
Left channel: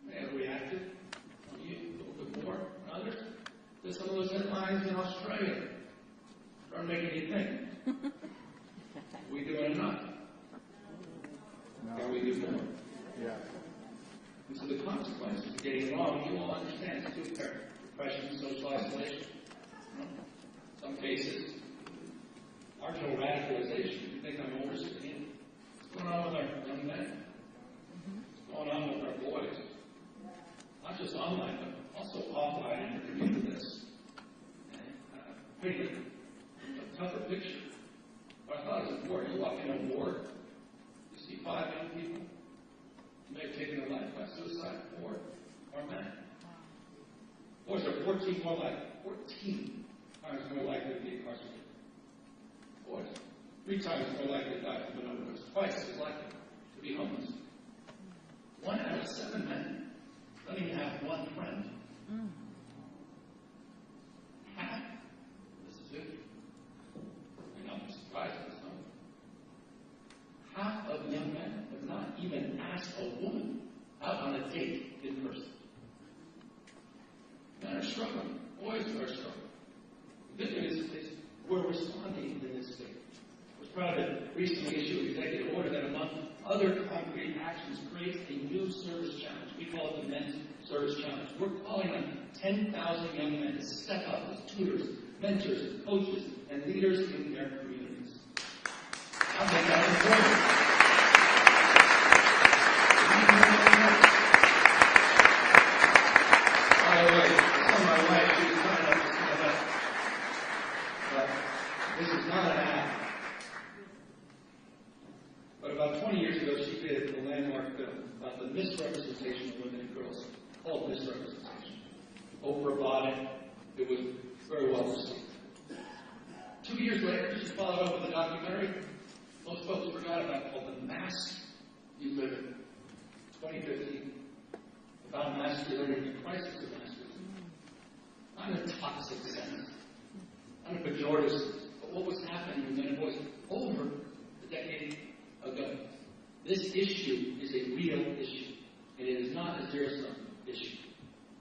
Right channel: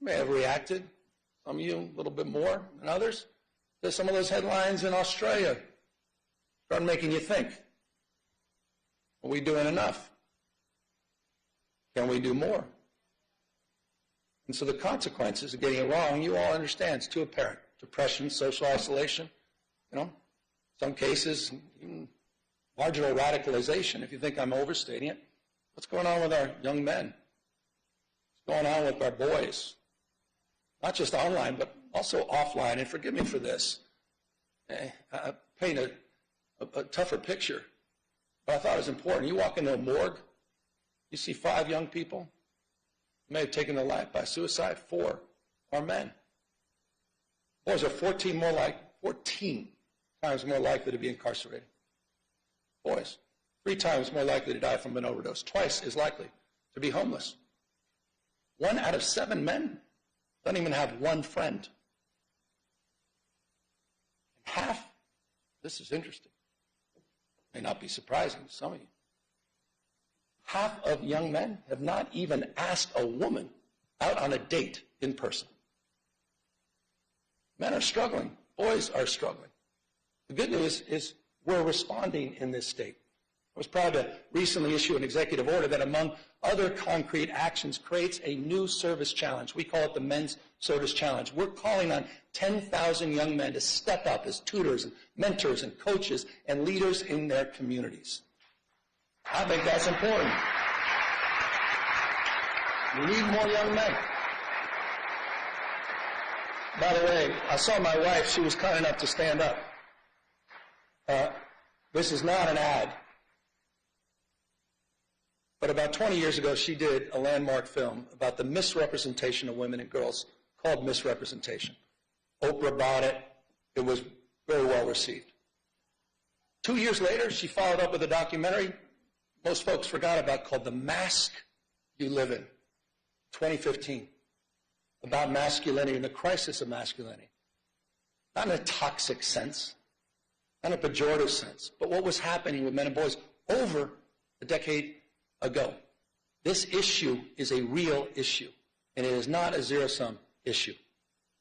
You may have reacted, some of you a little bit more than others. There's some of those headlines in Australia started making you think. Are we doing enough? Can we do more? And so the consequences of getting it wrong, you all understand, it's too apparent. Depression, social isolation, some cases, marginal radicalization, if you think I'm overstating it. What's going on with our young men? What's going on with our boys? Not just online, but also offline. And forgive me for this. I paint a tougher picture. But I thought it was important. You walk into a morgue, you see 5 young people may have taken their life by suicide. 4 are men. Boys are 14 times more likely to be incarcerated. Boys, 3 times more likely to die from an overdose. Twice as likely to be homeless. 1 out of 7 men don't even have one friend. Half, this is interesting, may not be surprising to some of you, half of young men have not even asked a woman out on a date in person. Men are struggling. Boys are struggling. The good news is we're responding in this state. I was proud to recently issue an executive order that, among other concrete actions, creates a new service challenge. We call it the Men's Service Challenge. We're calling on 10,000 young men to step up as tutors, mentors, and coaches, and leaders in their communities. I think that's important. We need more young men. By the way, I saw my wife. She was kind enough to stand up. This is not an ad. But about 20 years ago, she did a landmark film about the misrepresentation of women and girls called Misrepresentation. Oprah bought it. It was very well received. 2 years later, she followed up with a documentary most folks forgot about called The Mask You Live In, 2015, about masculinity and the crisis of masculinity. Not in a toxic sense, not in a pejorative sense, but what was happening with men and boys over a decade ago. This issue is a real issue, and it is not a zero-sum issue.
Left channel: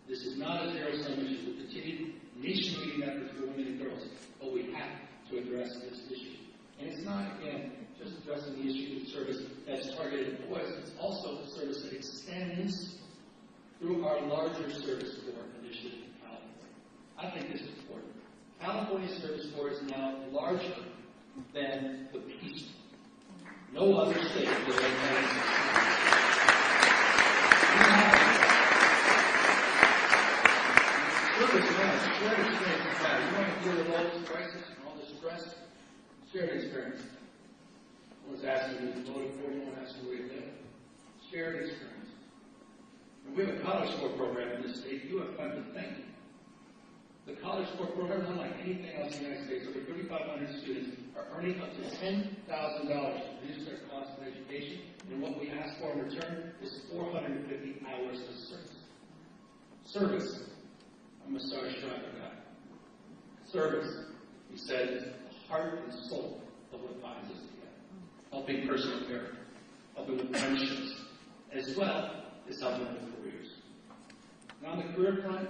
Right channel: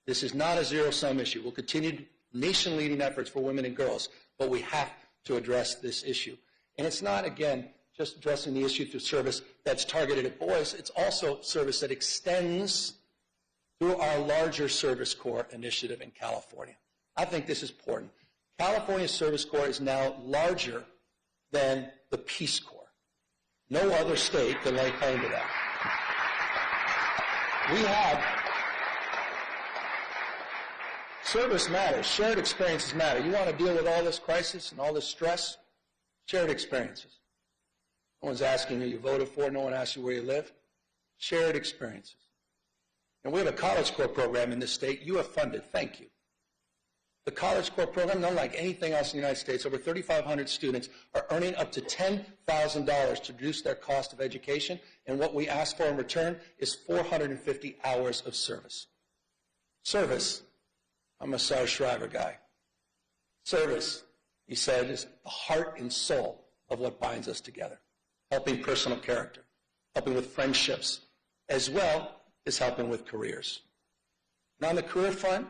This is not a zero-sum issue. We'll continue nation-leading efforts for women and girls, but we have to address this issue. And it's not, again, just addressing the issue through service that's targeted at boys. It's also service that extends through our larger Service Corps initiative in California. I think this is important. California's Service Corps is now larger than the Peace Corps. No other state can lay claim to that. We have service matters. Shared experiences matter. You want to deal with all this crisis and all this stress? Shared experiences. No one's asking who you voted for. No one asks you where you live. Shared experiences. And we have a College Corps program in this state. You have funded. Thank you. The College Corps program, unlike anything else in the United States, over 3,500 students are earning up to $10,000 to reduce their cost of education, and what we ask for in return is 450 hours of service. Service, I'm a Sarah Shriver guy. Service, he said, is the heart and soul of what binds us together. helping personal character, helping with friendships, as well as helping with careers. Now, on the career front,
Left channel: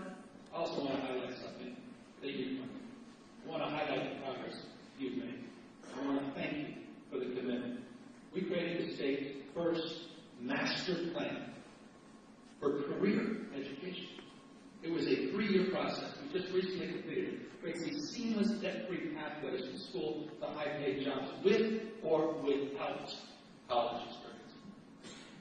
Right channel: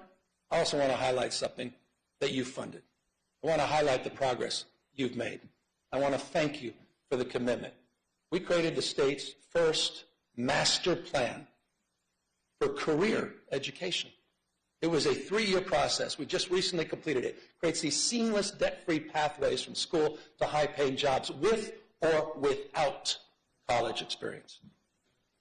I also want to highlight something that you've funded. I want to highlight the progress you've made. I want to thank you for the commitment. We created the state's first master plan for career education. It was a 3-year process. We just recently completed it. It creates these seamless, debt-free pathways from school to high-paid jobs with or without college experience.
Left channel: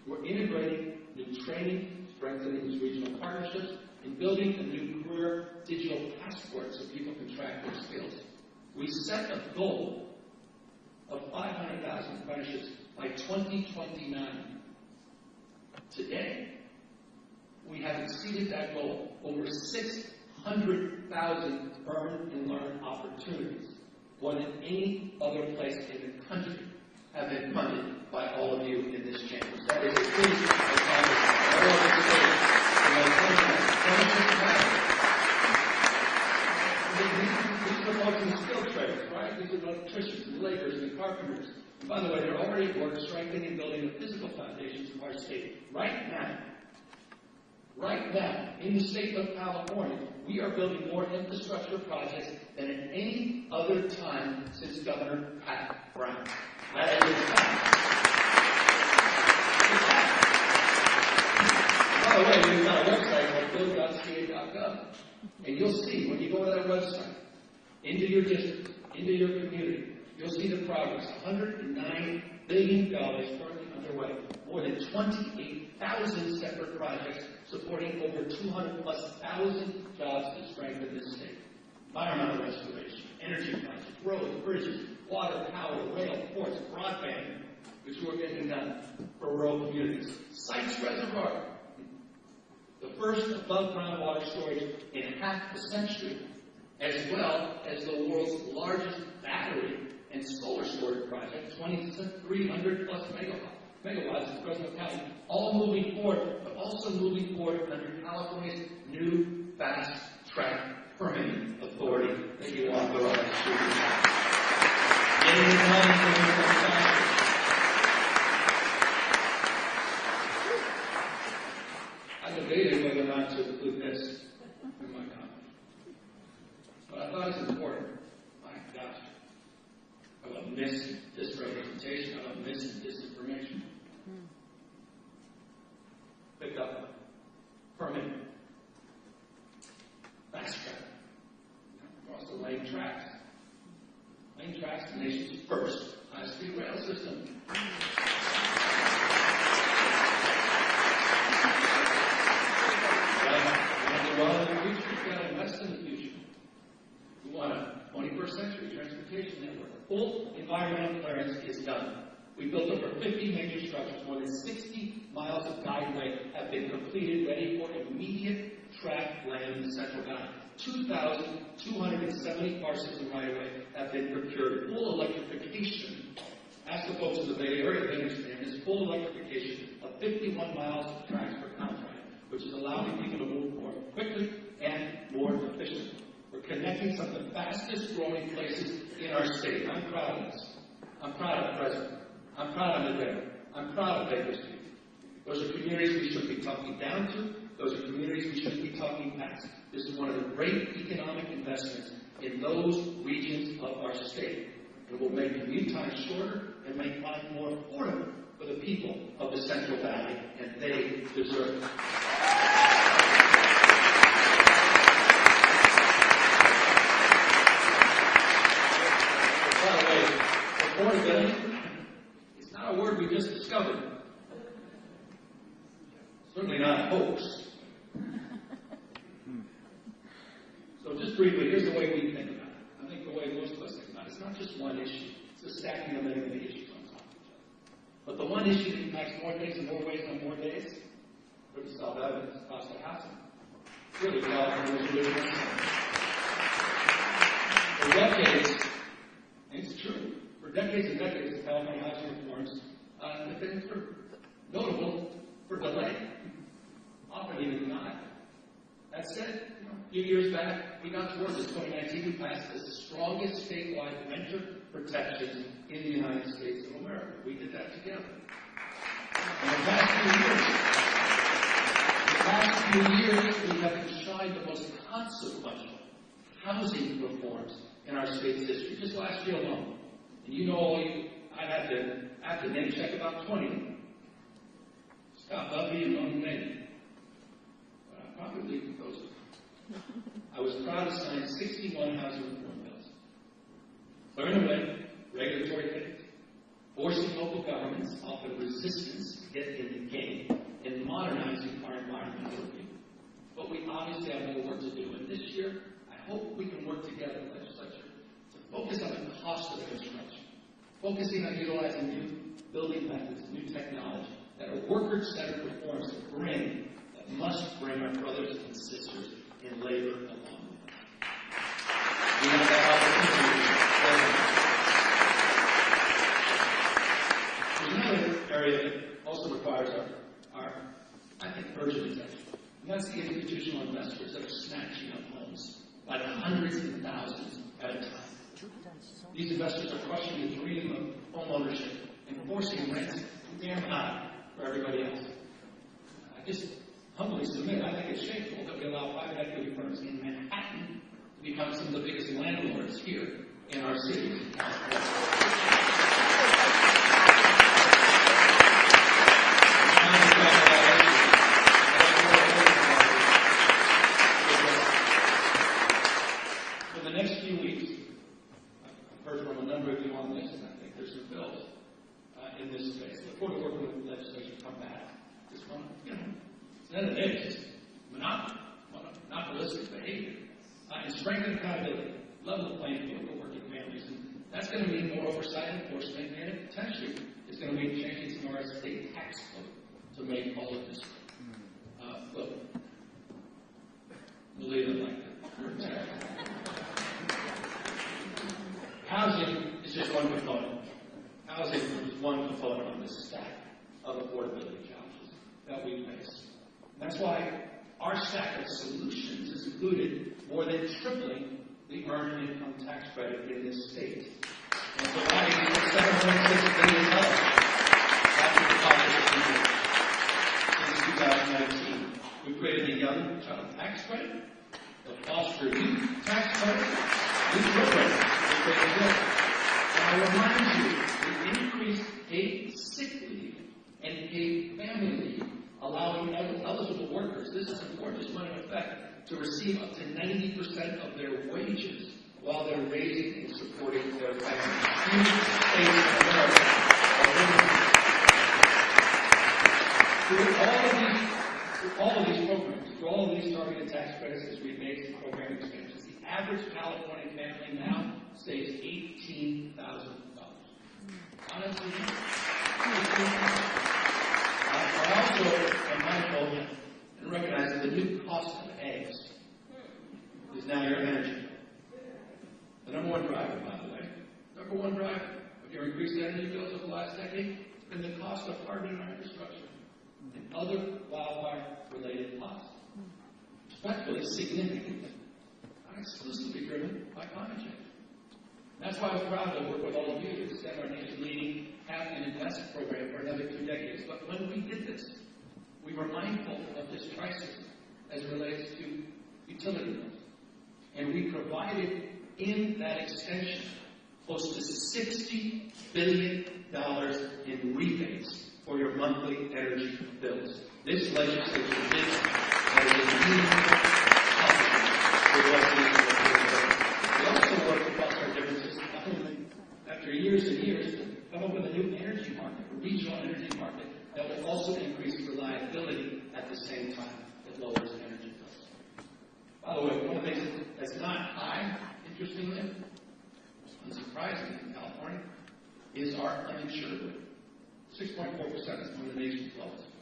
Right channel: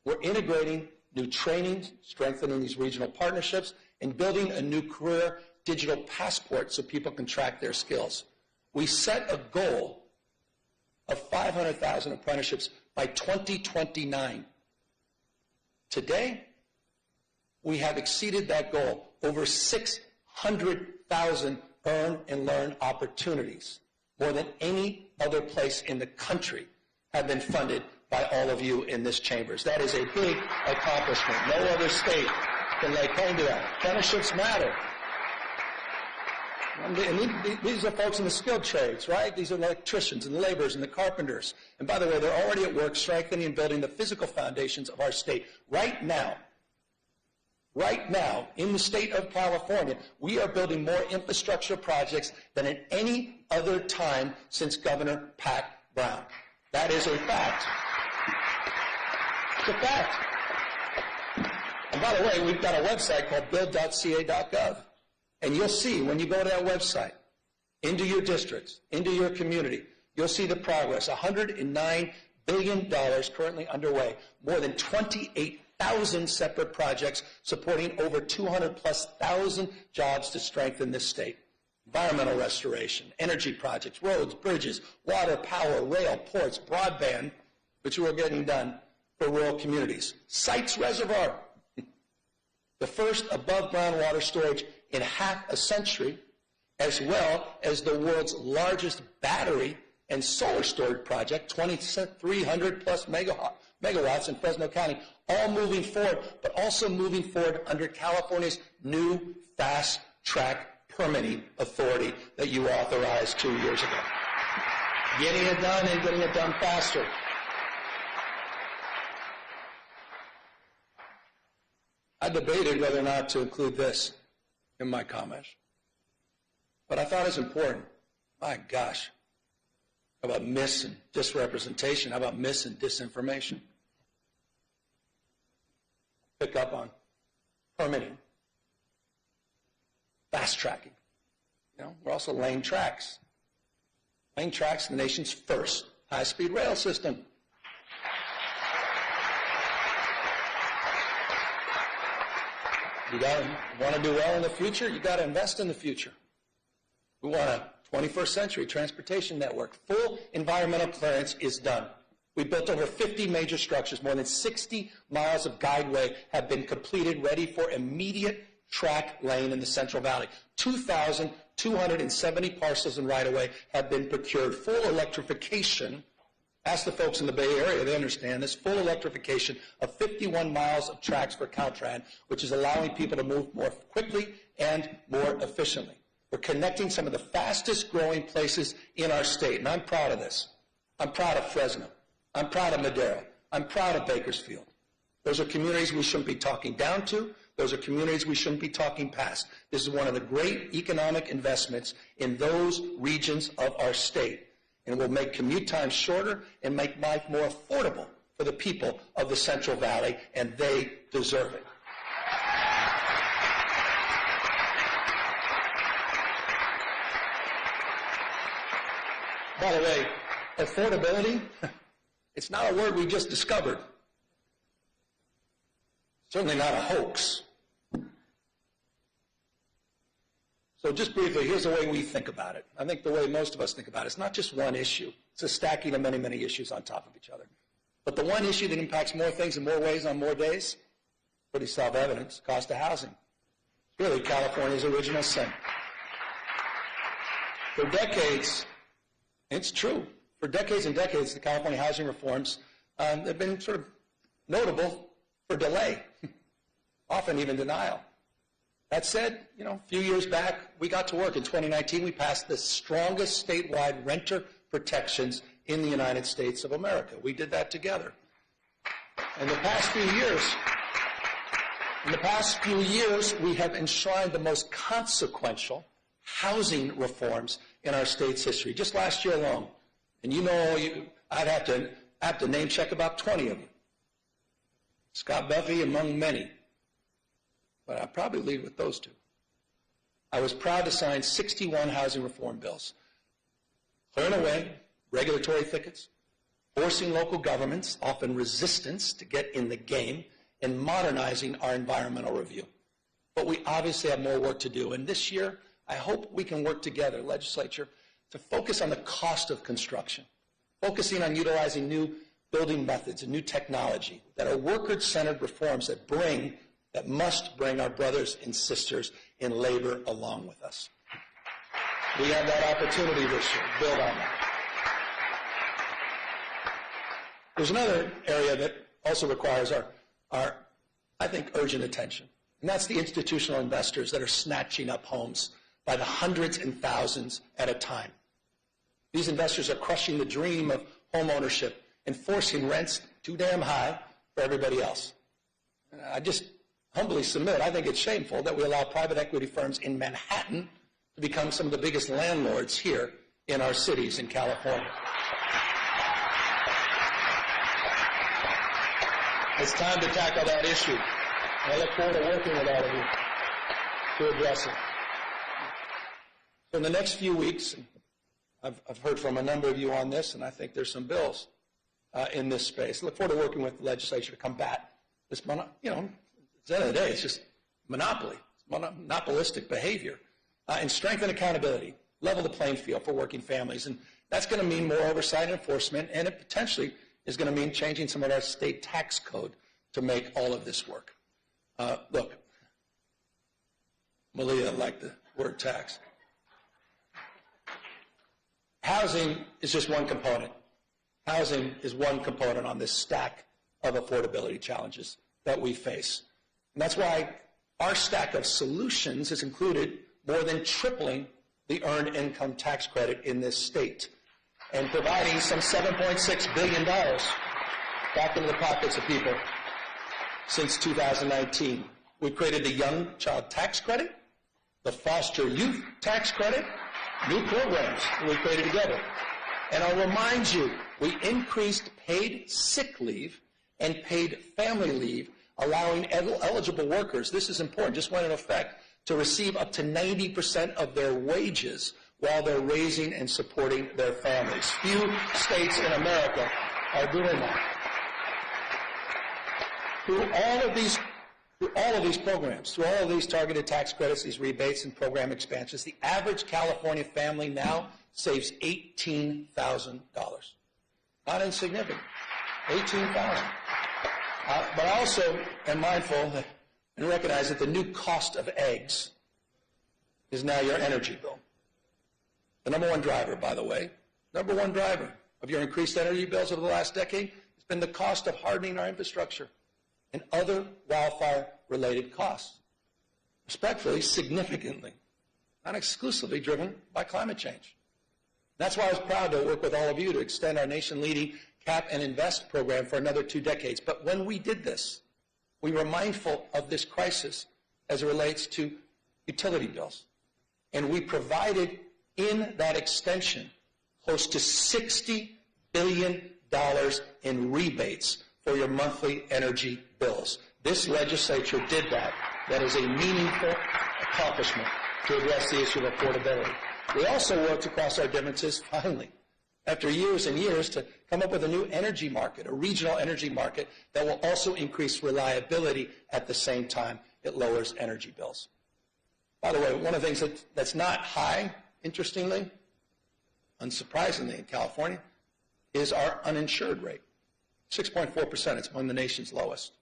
We're integrating new trainings, strengthening these regional partnerships, and building a new career digital passport so people can track their skills. We set a goal of 500,000 apprenticeships by 2029. Today, we have exceeded that goal. Over 600,000 earn and learn opportunities, more than any other place in the country, have been funded by all of you in this chambers. That is a big accomplishment. No other state can lay claim to that. Apprenticeships matter. These are folks in the skilled trades, right? These are the electricians and the laborers and the carpenters. And by the way, they're already at work strengthening and building the physical foundations of our state. Right now, in the state of California, we are building more infrastructure projects than at any other time since Governor Pat Brown. That is a fact. It's a fact. And by the way, we've got a website called build.ca.gov. And you'll see, when you go to that website, into your districts, into your community, you'll see the progress. $109 billion currently underway. More than 28,000 separate projects supporting over 200,000+ jobs to strengthen this state. Environmental restoration, energy projects, roads, bridges, water, power, rail, ports, broadband, which we're getting done for rural communities. Sites Reservoir, the first above-ground water storage in half a century, as well as the world's largest battery and solar storage project, 2,300+ megawatts in Fresno County, all moving forward, but also moving forward under California's new fast-track permitting authority that you authorized 2 years ago. Getting it done and getting it done faster. I debated whether or not to include this in my comment, but I thought it was important. My gosh, how about mis and disrepresentation? How about mis and disinformation? Pick up on permitting, fast tracking. We're also laying tracks. Laying tracks, the nation's first high-speed rail system. You want to do well in the future, you've got to invest in the future. We want a 21st century transportation network. Full environmental clearance is done. We built over 50 major structures. More than 60 miles of guideway have been completed, ready for immediate track lane in the Central Valley. 2,270 parcels in right-of-way have been procured. Full electrification, ask the folks in the Bay Area, they understand this, full electrification of 51 miles of tracks for Caltrans, which is allowing people to move more quickly and more efficiently. We're connecting some of the fastest growing places in our state, and I'm proud of this. I'm proud of Fresno. I'm proud of Madero. I'm proud of Bakersfield. Those are communities we shouldn't be talking down to. Those are communities we shouldn't be talking past. This is one of the great economic investments in those regions of our state, and will make commute times shorter and make life more affordable for the people of the Central Valley, and they deserve it. By the way, affordability, it's not a word we just discovered. Certainly not a hoax. So just briefly, here's the way we think about it. I think the way most of us think about it. It's not just one issue. It's a stacking of many, many issues on top of each other. But the one issue that impacts more things in more ways on more days, pretty self-evident, cost of housing. Clearly, California's original sin. For decades, it's true, for decades and decades, the California housing reforms have been sort of notable for delay, often even denial. That said, a few years back, we got to work. In 2019, we passed the strongest statewide renter protections in the United States of America. We did that together. In the past few years, we have enshrined the most consequential housing reforms in our state's history, just last year alone. And I'd have to name check about 20 of them. Scott Buffy among many. But I'll probably leave with those two. I was proud to sign 61 housing reform bills, clearing away regulatory thickets, forcing local governments, often resistance, to get in the game, and modernizing our environmental review. But we obviously have more work to do, and this year, I hope we can work together, legislature, to focus on the cost of construction, focusing on utilizing new building methods and new technology that are worker-centered reforms that must bring our brothers and sisters in labor along with us. We have that opportunity. There's another area that also requires our, I think, urgent attention, and that's the institutional investors that are snatching up homes by the hundreds and thousands at a time. These investors are crushing the dream of home ownership and forcing rents too damn high for everybody else. I just humbly submit, I think it's shameful that we allow private equity firms in Manhattan to become some of the biggest landlords here in our cities in California. It's time to tackle that issue. I look forward to working with all of you to address it. For the next few weeks, I've heard from a number of you on this, and I think there's some bills in this space. I look forward to working with the legislature to combat this, at the end of the day, it's just monopolistic behavior, and strengthen accountability, level the playing field for working families. And that's going to mean more oversight and enforcement, and it potentially is going to mean changing some of our state tax code to make all of this work. Look, Malia liked the word tax. Housing is just one component. Housing is one component on this stack of affordability challenges that we face. And that's why our stack of solutions has included more than tripling the earned income tax credit in this state and providing some $7.6 billion back in the pockets of people since 2019. We've created the Young Child Tax Credit, the Foster Youth Tax Credit, new programs we created together. And I'll remind you, we increased paid sick leave and paid family leave, allowing eligible workers, this is important, just went in effect, to receive up to 90% of their wages while they're raising and supporting their families. Few states in America are doing that. Through all of these programs, through all of these targeted tax credits, these rebates and program expansions, the average California family now saves $18,000. Not insignificant. $18,000. But I also am mindful and recognize that the new cost of eggs is now your energy bill. The number one driver, by the way, number one driver of your increased energy bills over the last decade has been the cost of hardening our infrastructure and other wildfire-related costs. Respectfully, significantly, not exclusively driven by climate change. That's why I was proud to work with all of you to extend our nation-leading Cap and Invest program for another 2 decades. But when we did this, we were mindful of this crisis as it relates to utility bills. And we provided in that extension close to $60 billion in rebates for your monthly energy bills. This legislature did that. That is a meaningful accomplishment to address the issue of affordability. We also worked across our differences, finally, after years and years, to come up with a new energy market, a regional energy market that will also increase reliability at the same time it lowers energy bills. By the way, one of the things that's not high, interestingly, unsurprisingly in California, is our uninsured rate. 6.4%, it's among the nation's lowest.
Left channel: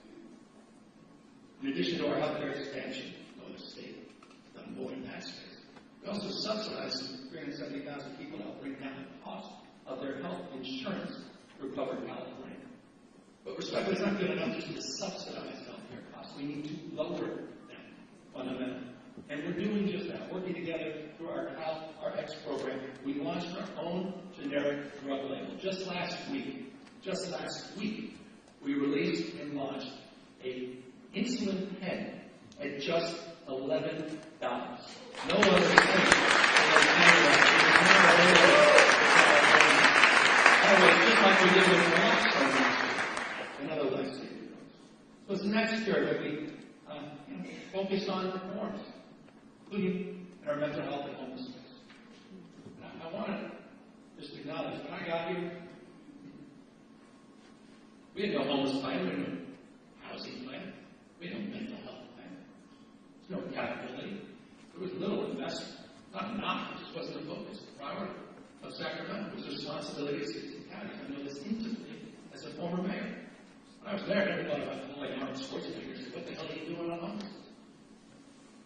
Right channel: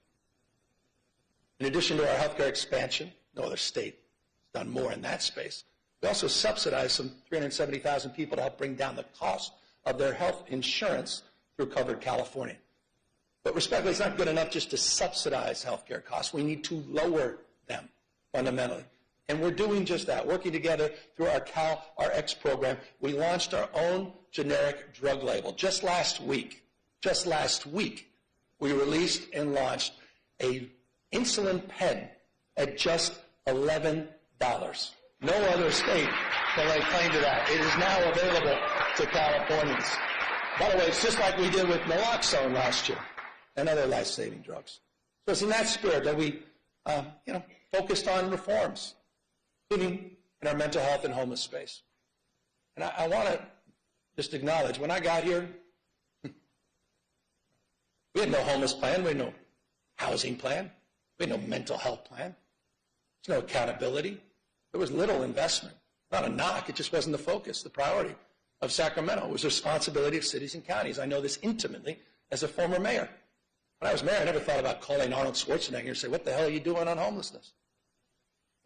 In addition to our healthcare expansion, no other state has done more in that space. We also subsidize some 370,000 people to help bring down the cost of their health insurance through Covered California. But respectfully, it's not good enough just to subsidize healthcare costs. We need to lower them fundamentally. And we're doing just that, working together through our CalRx program. We launched our own generic drug label just last week. Just last week, we released and launched a insulin pen at just $11. No other state can claim that. It is now available to Californians. By the way, it's just like we did with naloxone last year and other life-saving drugs. So it's in that spirit that we focused on reforms, including in our mental health and homeless space. And I want to just acknowledge, when I got here, we had no homeless plan, we had no housing plan, we had no mental health plan. There's no accountability. There was little investment. Not a knock, it just wasn't the focus, the priority of Sacramento. It was the responsibility of cities and counties. I know this intimately as a former mayor. When I was mayor, I never thought about calling Arnold Schwarzenegger and say, what the hell are you doing on homelessness?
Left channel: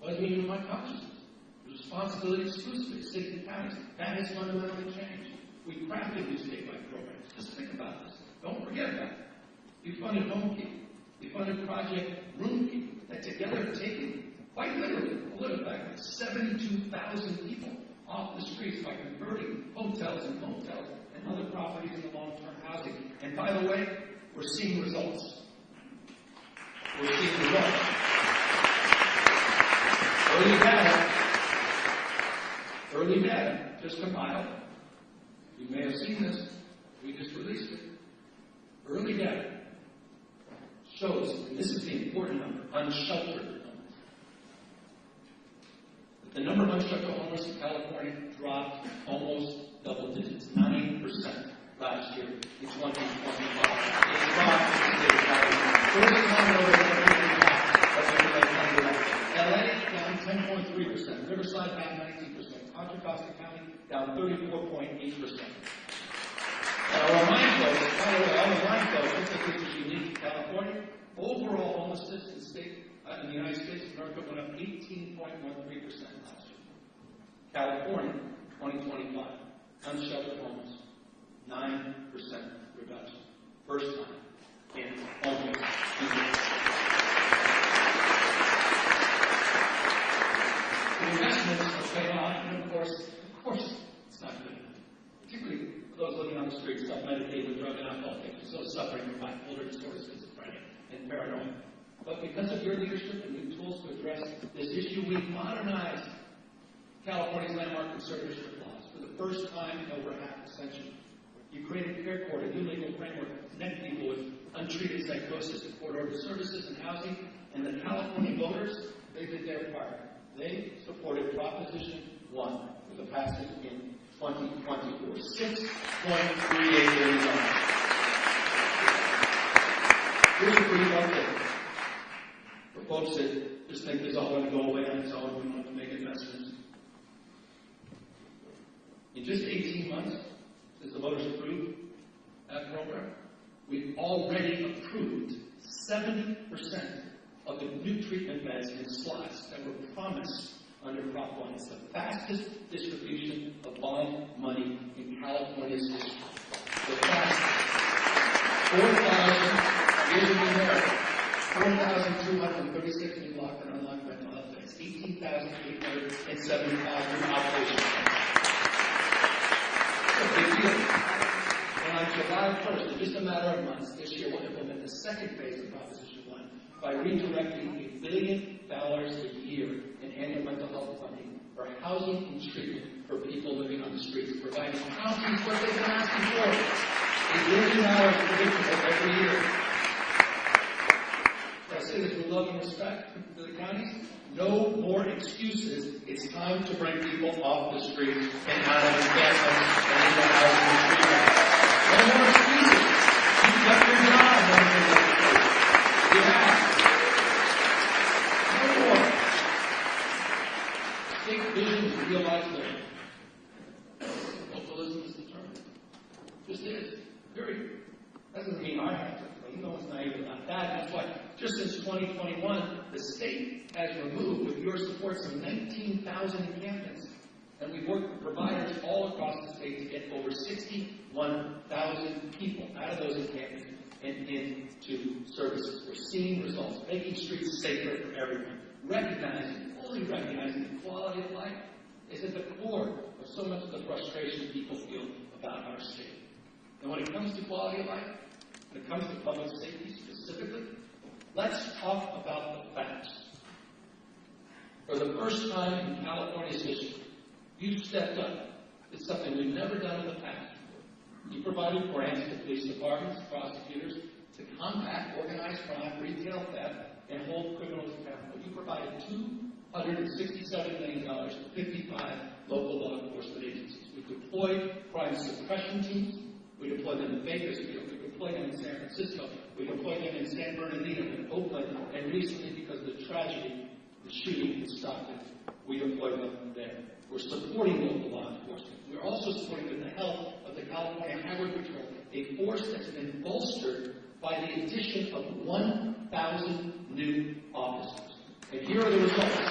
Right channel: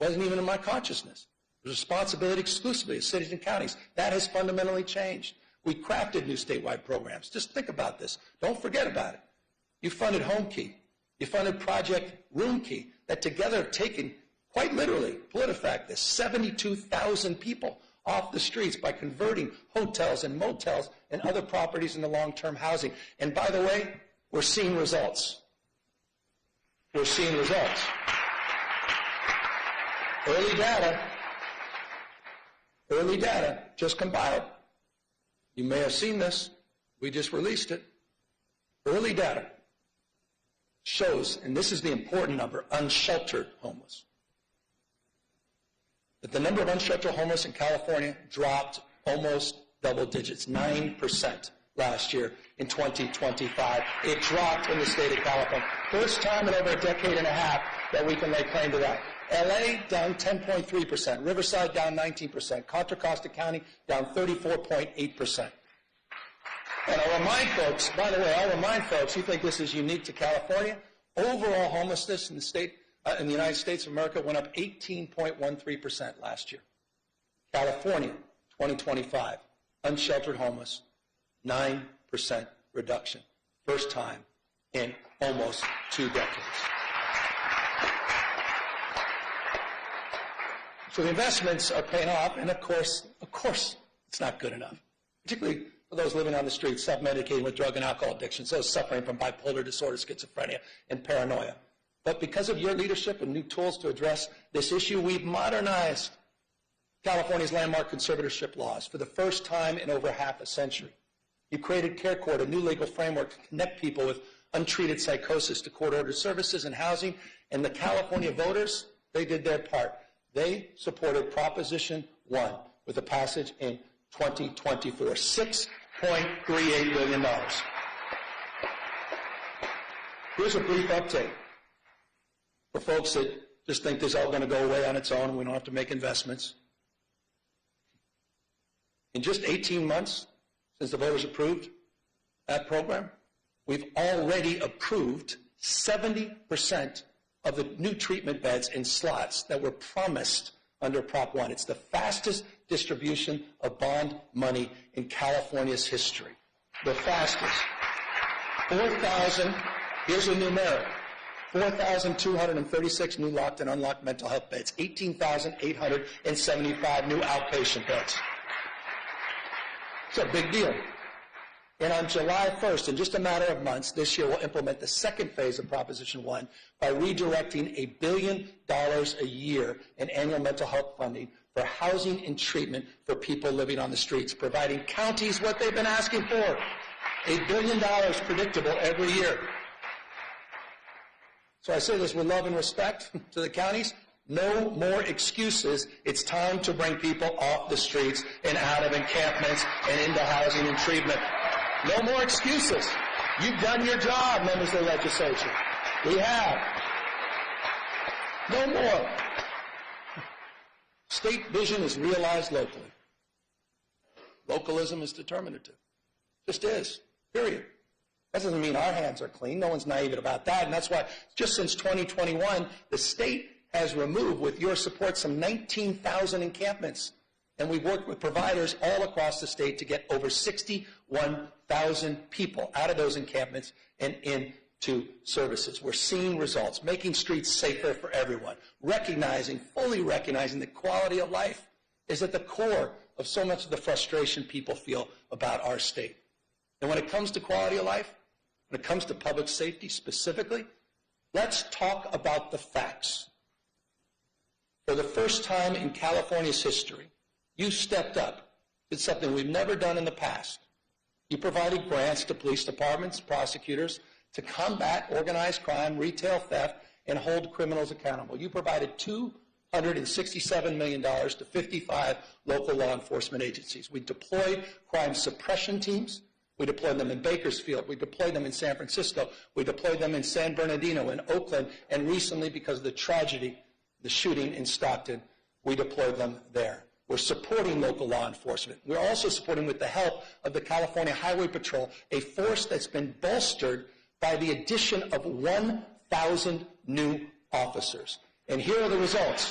It wasn't even in my consciousness. It was responsibility exclusively of cities and counties. That has fundamentally changed. We crafted new statewide programs. Just think about this. Don't forget about it. You funded Home Key. You funded Project Room Key, that together have taken, quite literally, PolitiFact, this 72,000 people off the streets by converting hotels and motels and other properties into long-term housing. And by the way, we're seeing results. We're seeing results. Early data, just compiled. You may have seen this. We just released it. Early data shows, and this is the important number, unsheltered homeless, that the number of unsheltered homeless in California dropped almost double digits, 9% last year in 2025. It dropped in the state of California. First time in over a decade and a half that we can make claim to that. LA down 10.3%, Riverside down 19%, Contra Costa County down 34.8%. And I'll remind folks, by the way, who think this is unique to California, overall homelessness in the United States of America went up 18.13% last year. California, 2025, unsheltered homeless, 9% reduction. First time in almost 2 decades. So the investments are paying off, and of course, it's not good enough. Particularly for those living on the streets, self-medicating with drug and alcohol addiction, those suffering from bipolar disorder, schizophrenia, and paranoia. But because of your leadership and new tools to address this issue, we've modernized California's landmark conservatorship laws for the first time in over half a century. You created Care Court, a new legal framework to connect people with untreated psychosis to court-ordered services and housing, and the California voters, they did their part. They supported Proposition 1 with a passage in 2024, $6.38 billion. Here's a brief update for folks that just think this is all going to go away on its own. We don't have to make investments. In just 18 months since the voters approved that program, we've already approved 70% of the new treatment beds in slots that were promised under Prop 1. It's the fastest distribution of bond money in California's history. The fastest. 4,000, here's a new number, 4,236 new locked and unlocked mental health beds, 18,875 new outpatient beds. It's a big deal. Then on July 1st, in just a matter of months, this year we'll implement the second phase of Proposition 1 by redirecting $1 billion a year in annual mental health funding for housing and treatment for people living on the streets, providing counties what they've been asking for, $1 billion predictable every year. So I say this with love and respect to the counties. No more excuses. It's time to bring people off the streets and out of encampments and into housing and treatment. No more excuses. You've done your job, members of the legislature. We have. No more. State vision is realized locally. Localism is determinative. Just is. Period. That doesn't mean our hands are clean. No one's naive about that. And that's why just since 2021, the state has removed, with your support, some 19,000 encampments. And we've worked with providers all across the state to get over 61,000 people out of those encampments and into to services. We're seeing results, making streets safer for everyone, fully recognizing that quality of life is at the core of so much of the frustration people feel about our state. And when it comes to quality of life, when it comes to public safety specifically, let's talk about the facts. For the first time in California's history, you stepped up. It's something we've never done in the past. You provided grants to police departments, prosecutors, to combat organized crime, retail theft, and hold criminals accountable. You provided $267 million to 55 local law enforcement agencies. We deployed crime suppression teams. We deployed them in Bakersfield. We deployed them in San Francisco. We deployed them in San Bernardino, in Oakland, and recently, because of the tragedy, the shooting in Stockton, we deployed them there. We're supporting local law enforcement. We're also supporting, with the help of the California Highway Patrol, a force that's been bolstered by the addition of 1,000 new officers. And here are the results.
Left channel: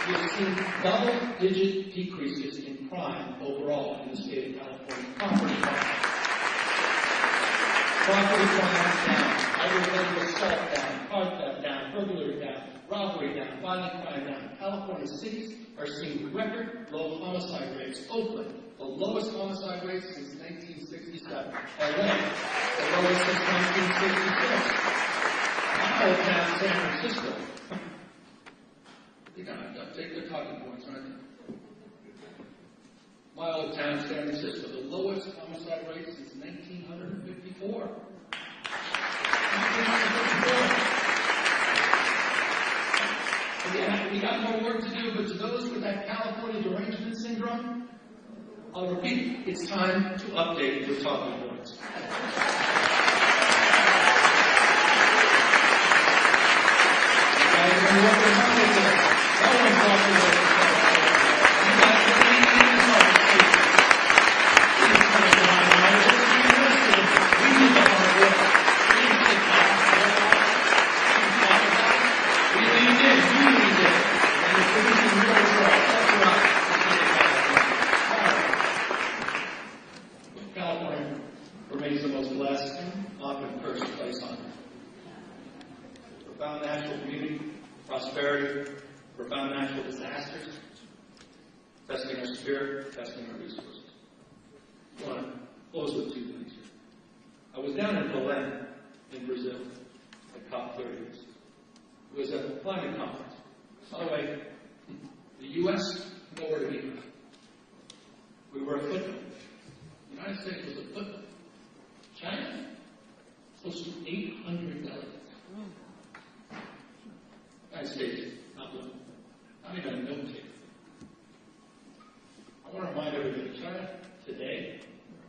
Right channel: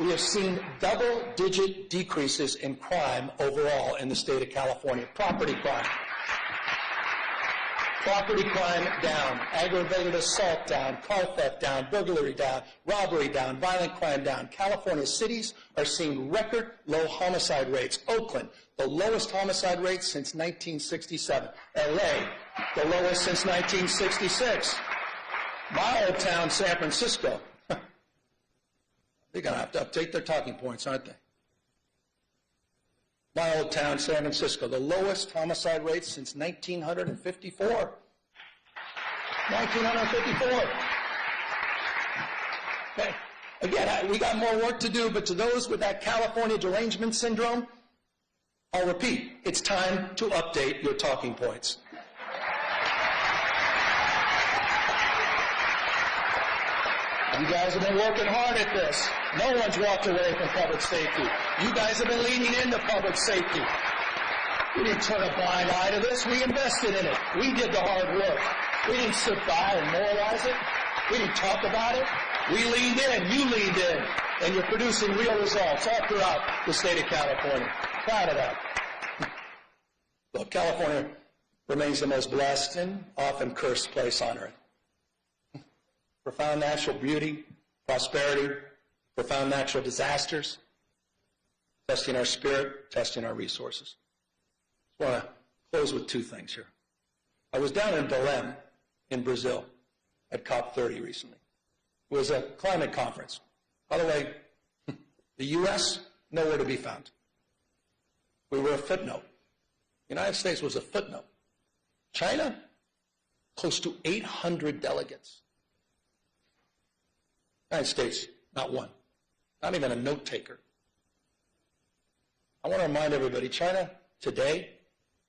We have seen double-digit decreases in crime overall in the state of California. Property crime down, aggravated assault down, car theft down, burglary down, robbery down, violent crime down. California's cities are seeing record low homicide rates. Oakland, the lowest homicide rate since 1967. LA, the lowest since 1966. My old town, San Francisco. They're going to have to update their talking points, aren't they? My old town, San Francisco, the lowest homicide rate since 1954. 1954. Again, we got more work to do, but to those with that California derangement syndrome, I'll repeat, it's time to update your talking points. You guys have been working hard at this. No one's walking away from public safety. You guys have been leaning into public safety. We didn't turn a blind eye to this. We invested in it. We did the hard work. We didn't sit by and moralize it. We didn't talk about it. We leaned in. You leaned in. And you're producing real results all throughout the state of California. Look, California remains the most blessed and often cursed place on earth. Profound natural beauty, prosperity, profound natural disasters, testing our spirit, testing our resources. I want to close with two things here. I was down in Belém in Brazil at COP30 recently. It was a climate conference. By the way, the U.S., nowhere to be found. We were a footnote. The United States was a footnote. China, close to 800 delegates. United States, not one. Not even a note taker. I want to remind everybody, China today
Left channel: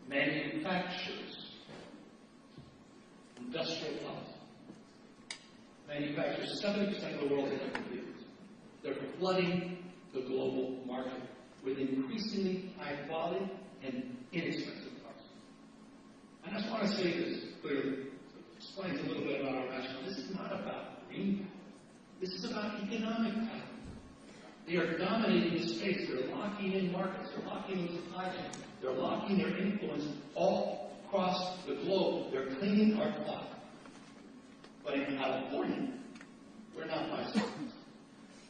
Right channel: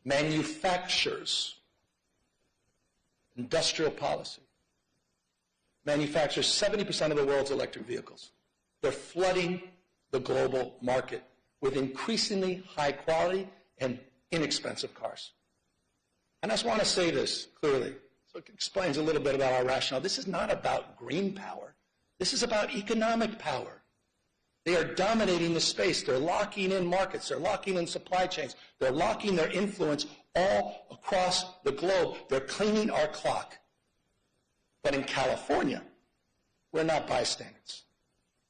manufactures industrial policy. Manufactures 70% of the world's electric vehicles. They're flooding the global market with increasingly high quality and inexpensive cars. And I just want to say this clearly. So it explains a little bit about our rationale. This is not about green power. This is about economic power. They are dominating the space. They're locking in markets. They're locking in supply chains. They're locking their influence all across the globe. They're cleaning our clock. But in California, we're not bystanders.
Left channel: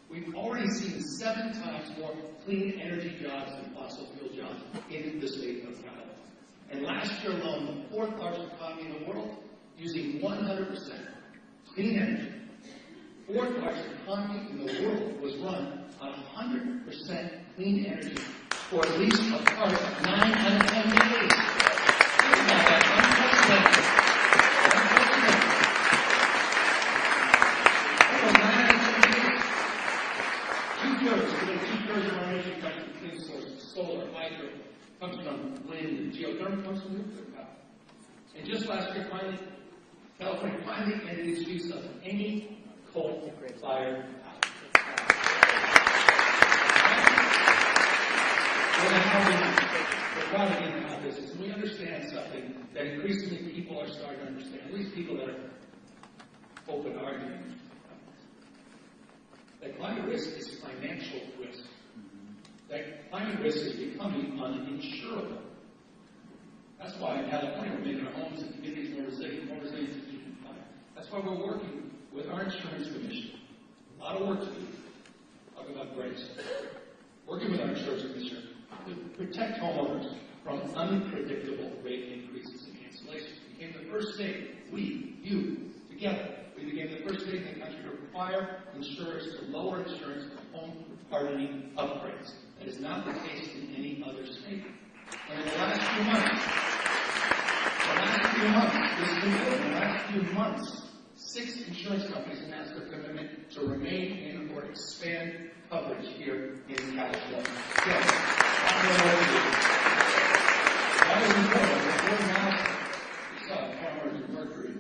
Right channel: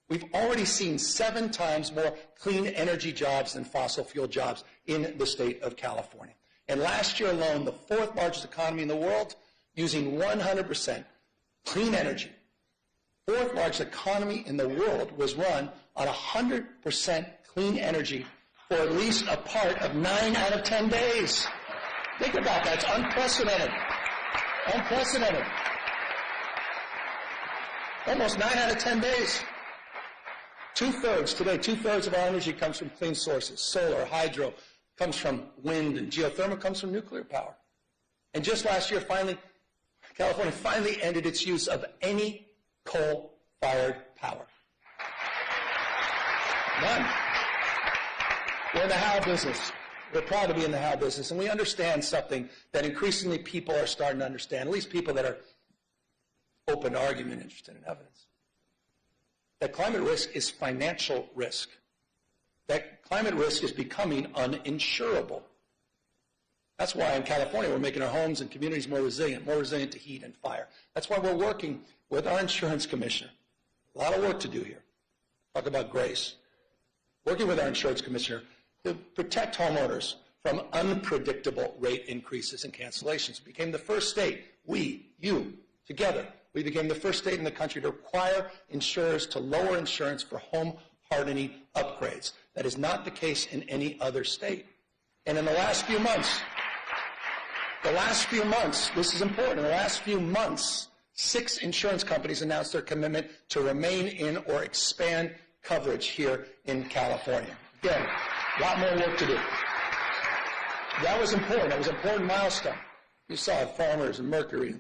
We've already seen 7 times more clean energy jobs than fossil fuel jobs in the state of California. And last year alone, the 4th largest economy in the world, using 100% clean energy, 4th largest economy in the world was run on 100% clean energy for at least a part of 9 out of 10 days. Think about that. Unprecedented. Almost 9 out of 10 days. 2/3 today, 2/3 of our energy comes from clean sources. Solar, hydro, comes from wind, and geothermal comes from nuclear power. And just last year, California finally ended its use of any coal-fired power. We're in the how business. We're proud to be in the how business. And we understand something that increasingly people are starting to understand, at least people that are open to argument, interested in evidence. That climate risk is financial risk. That climate risk is becoming uninsurable. That's why in California we're making our homes and communities more resilient to heat and fire. That's why we're working with our insurance commissioner. A lot of work to do here. Talk about grace. Working with our insurance commissioner to protect homeowners from unpredictable rate increases and cancellations. We became the first state, together, we became the first state in the country to require insurers to lower insurance for home hardening upgrades. That is not the case in any other state. And in the last few months, this is important, in the last few months, 6 insurance companies announced their commitment to remain in or expand coverage here in California. Still, a lot more work to do. That was important. It was an important milestone. You saw it, Farmers and Mercury,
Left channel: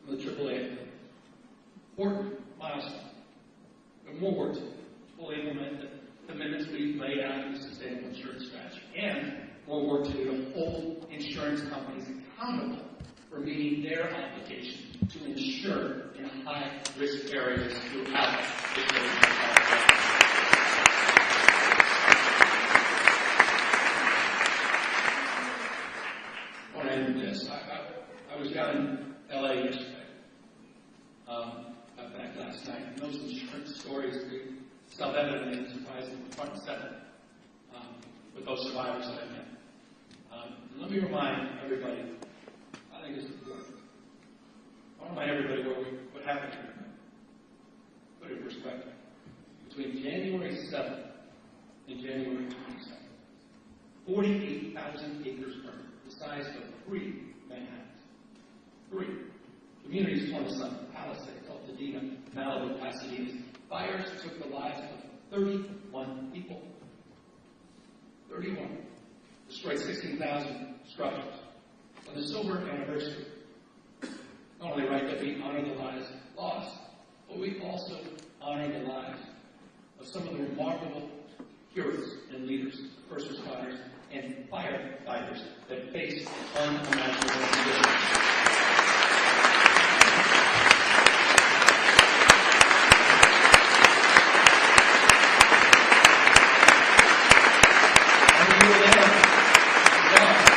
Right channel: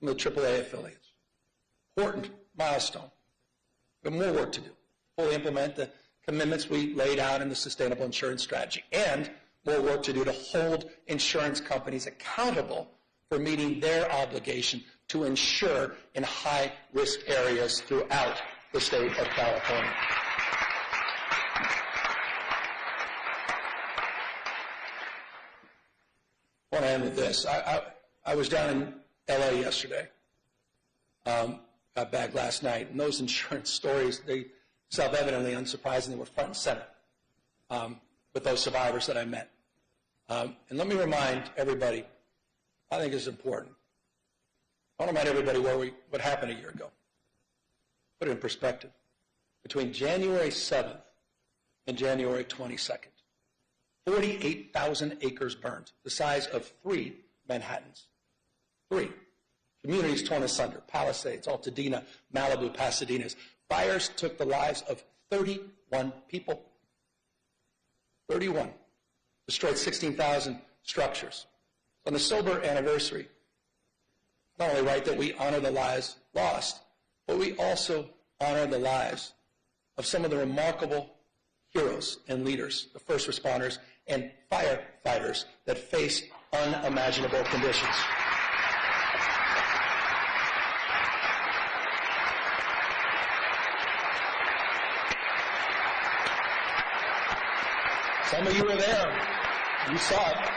some of the AAA affiliates. Important milestone. But more work to do. Fully implement the commitments we laid out in the Sustainable Insurance Strategy, and more work to do to hold insurance companies accountable for meeting their obligation to insure in high-risk areas throughout the state of California. I want to end with this. I was down in L.A. yesterday. Got back last night. And those insurance stories, they self-evidently, unsurprisingly, were front and center with those survivors that I met. And let me remind everybody, I think it's important. I want to remind everybody what happened a year ago. Put it in perspective. Between January 7th and January 22nd, 48,000 acres burned, the size of 3 Manhattans. 3. Communities torn asunder, Palisades, Altadena, Malibu, Pasadena's. Fires took the lives of 31 people. 31. Destroyed 16,000 structures. On the sober anniversary, not only right that we honor the lives lost, but we also honor the lives of some of the remarkable heroes and leaders, the first responders and firefighters that face unimaginable conditions. Some of you were there. You saw it.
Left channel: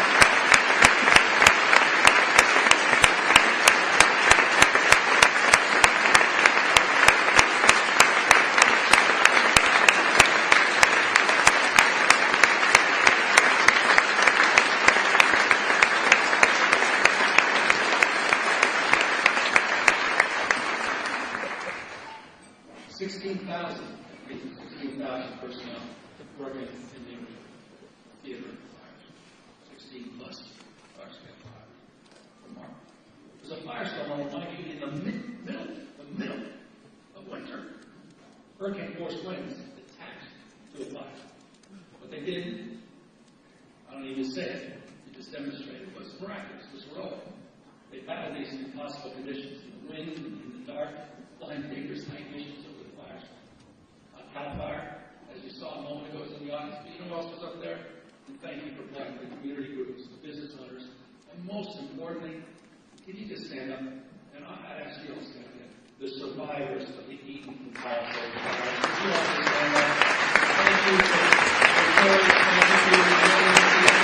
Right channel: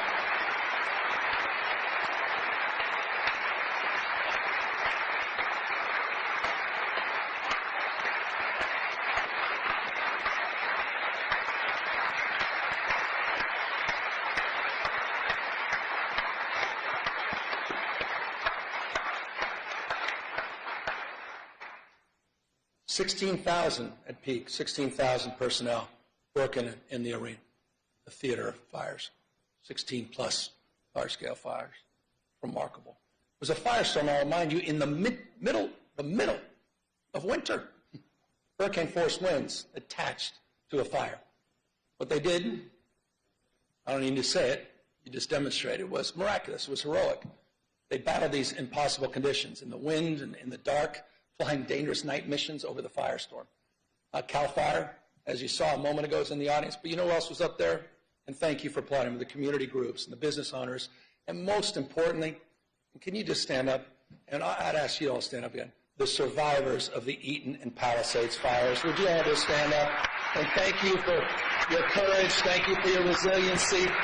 At peak, 16,000 personnel working in the arena, the theater of fires, 16 plus large-scale fires. Remarkable. It was a firestorm, I'll remind you, in the middle of winter. Hurricane force winds attached to a fire. What they did, I don't need to say it, they just demonstrated, it was miraculous, it was heroic. They battled these impossible conditions in the wind and in the dark, flying dangerous night missions over the firestorm. Cal Fire, as you saw a moment ago, is in the audience, but you know who else was up there? And thank you for applauding the community groups and the business owners, and most importantly, can you just stand up? And I'd ask you all to stand up again. The survivors of the Eaton and Palisades fires. Would you all just stand up? And thank you for your courage, thank you for your resiliency.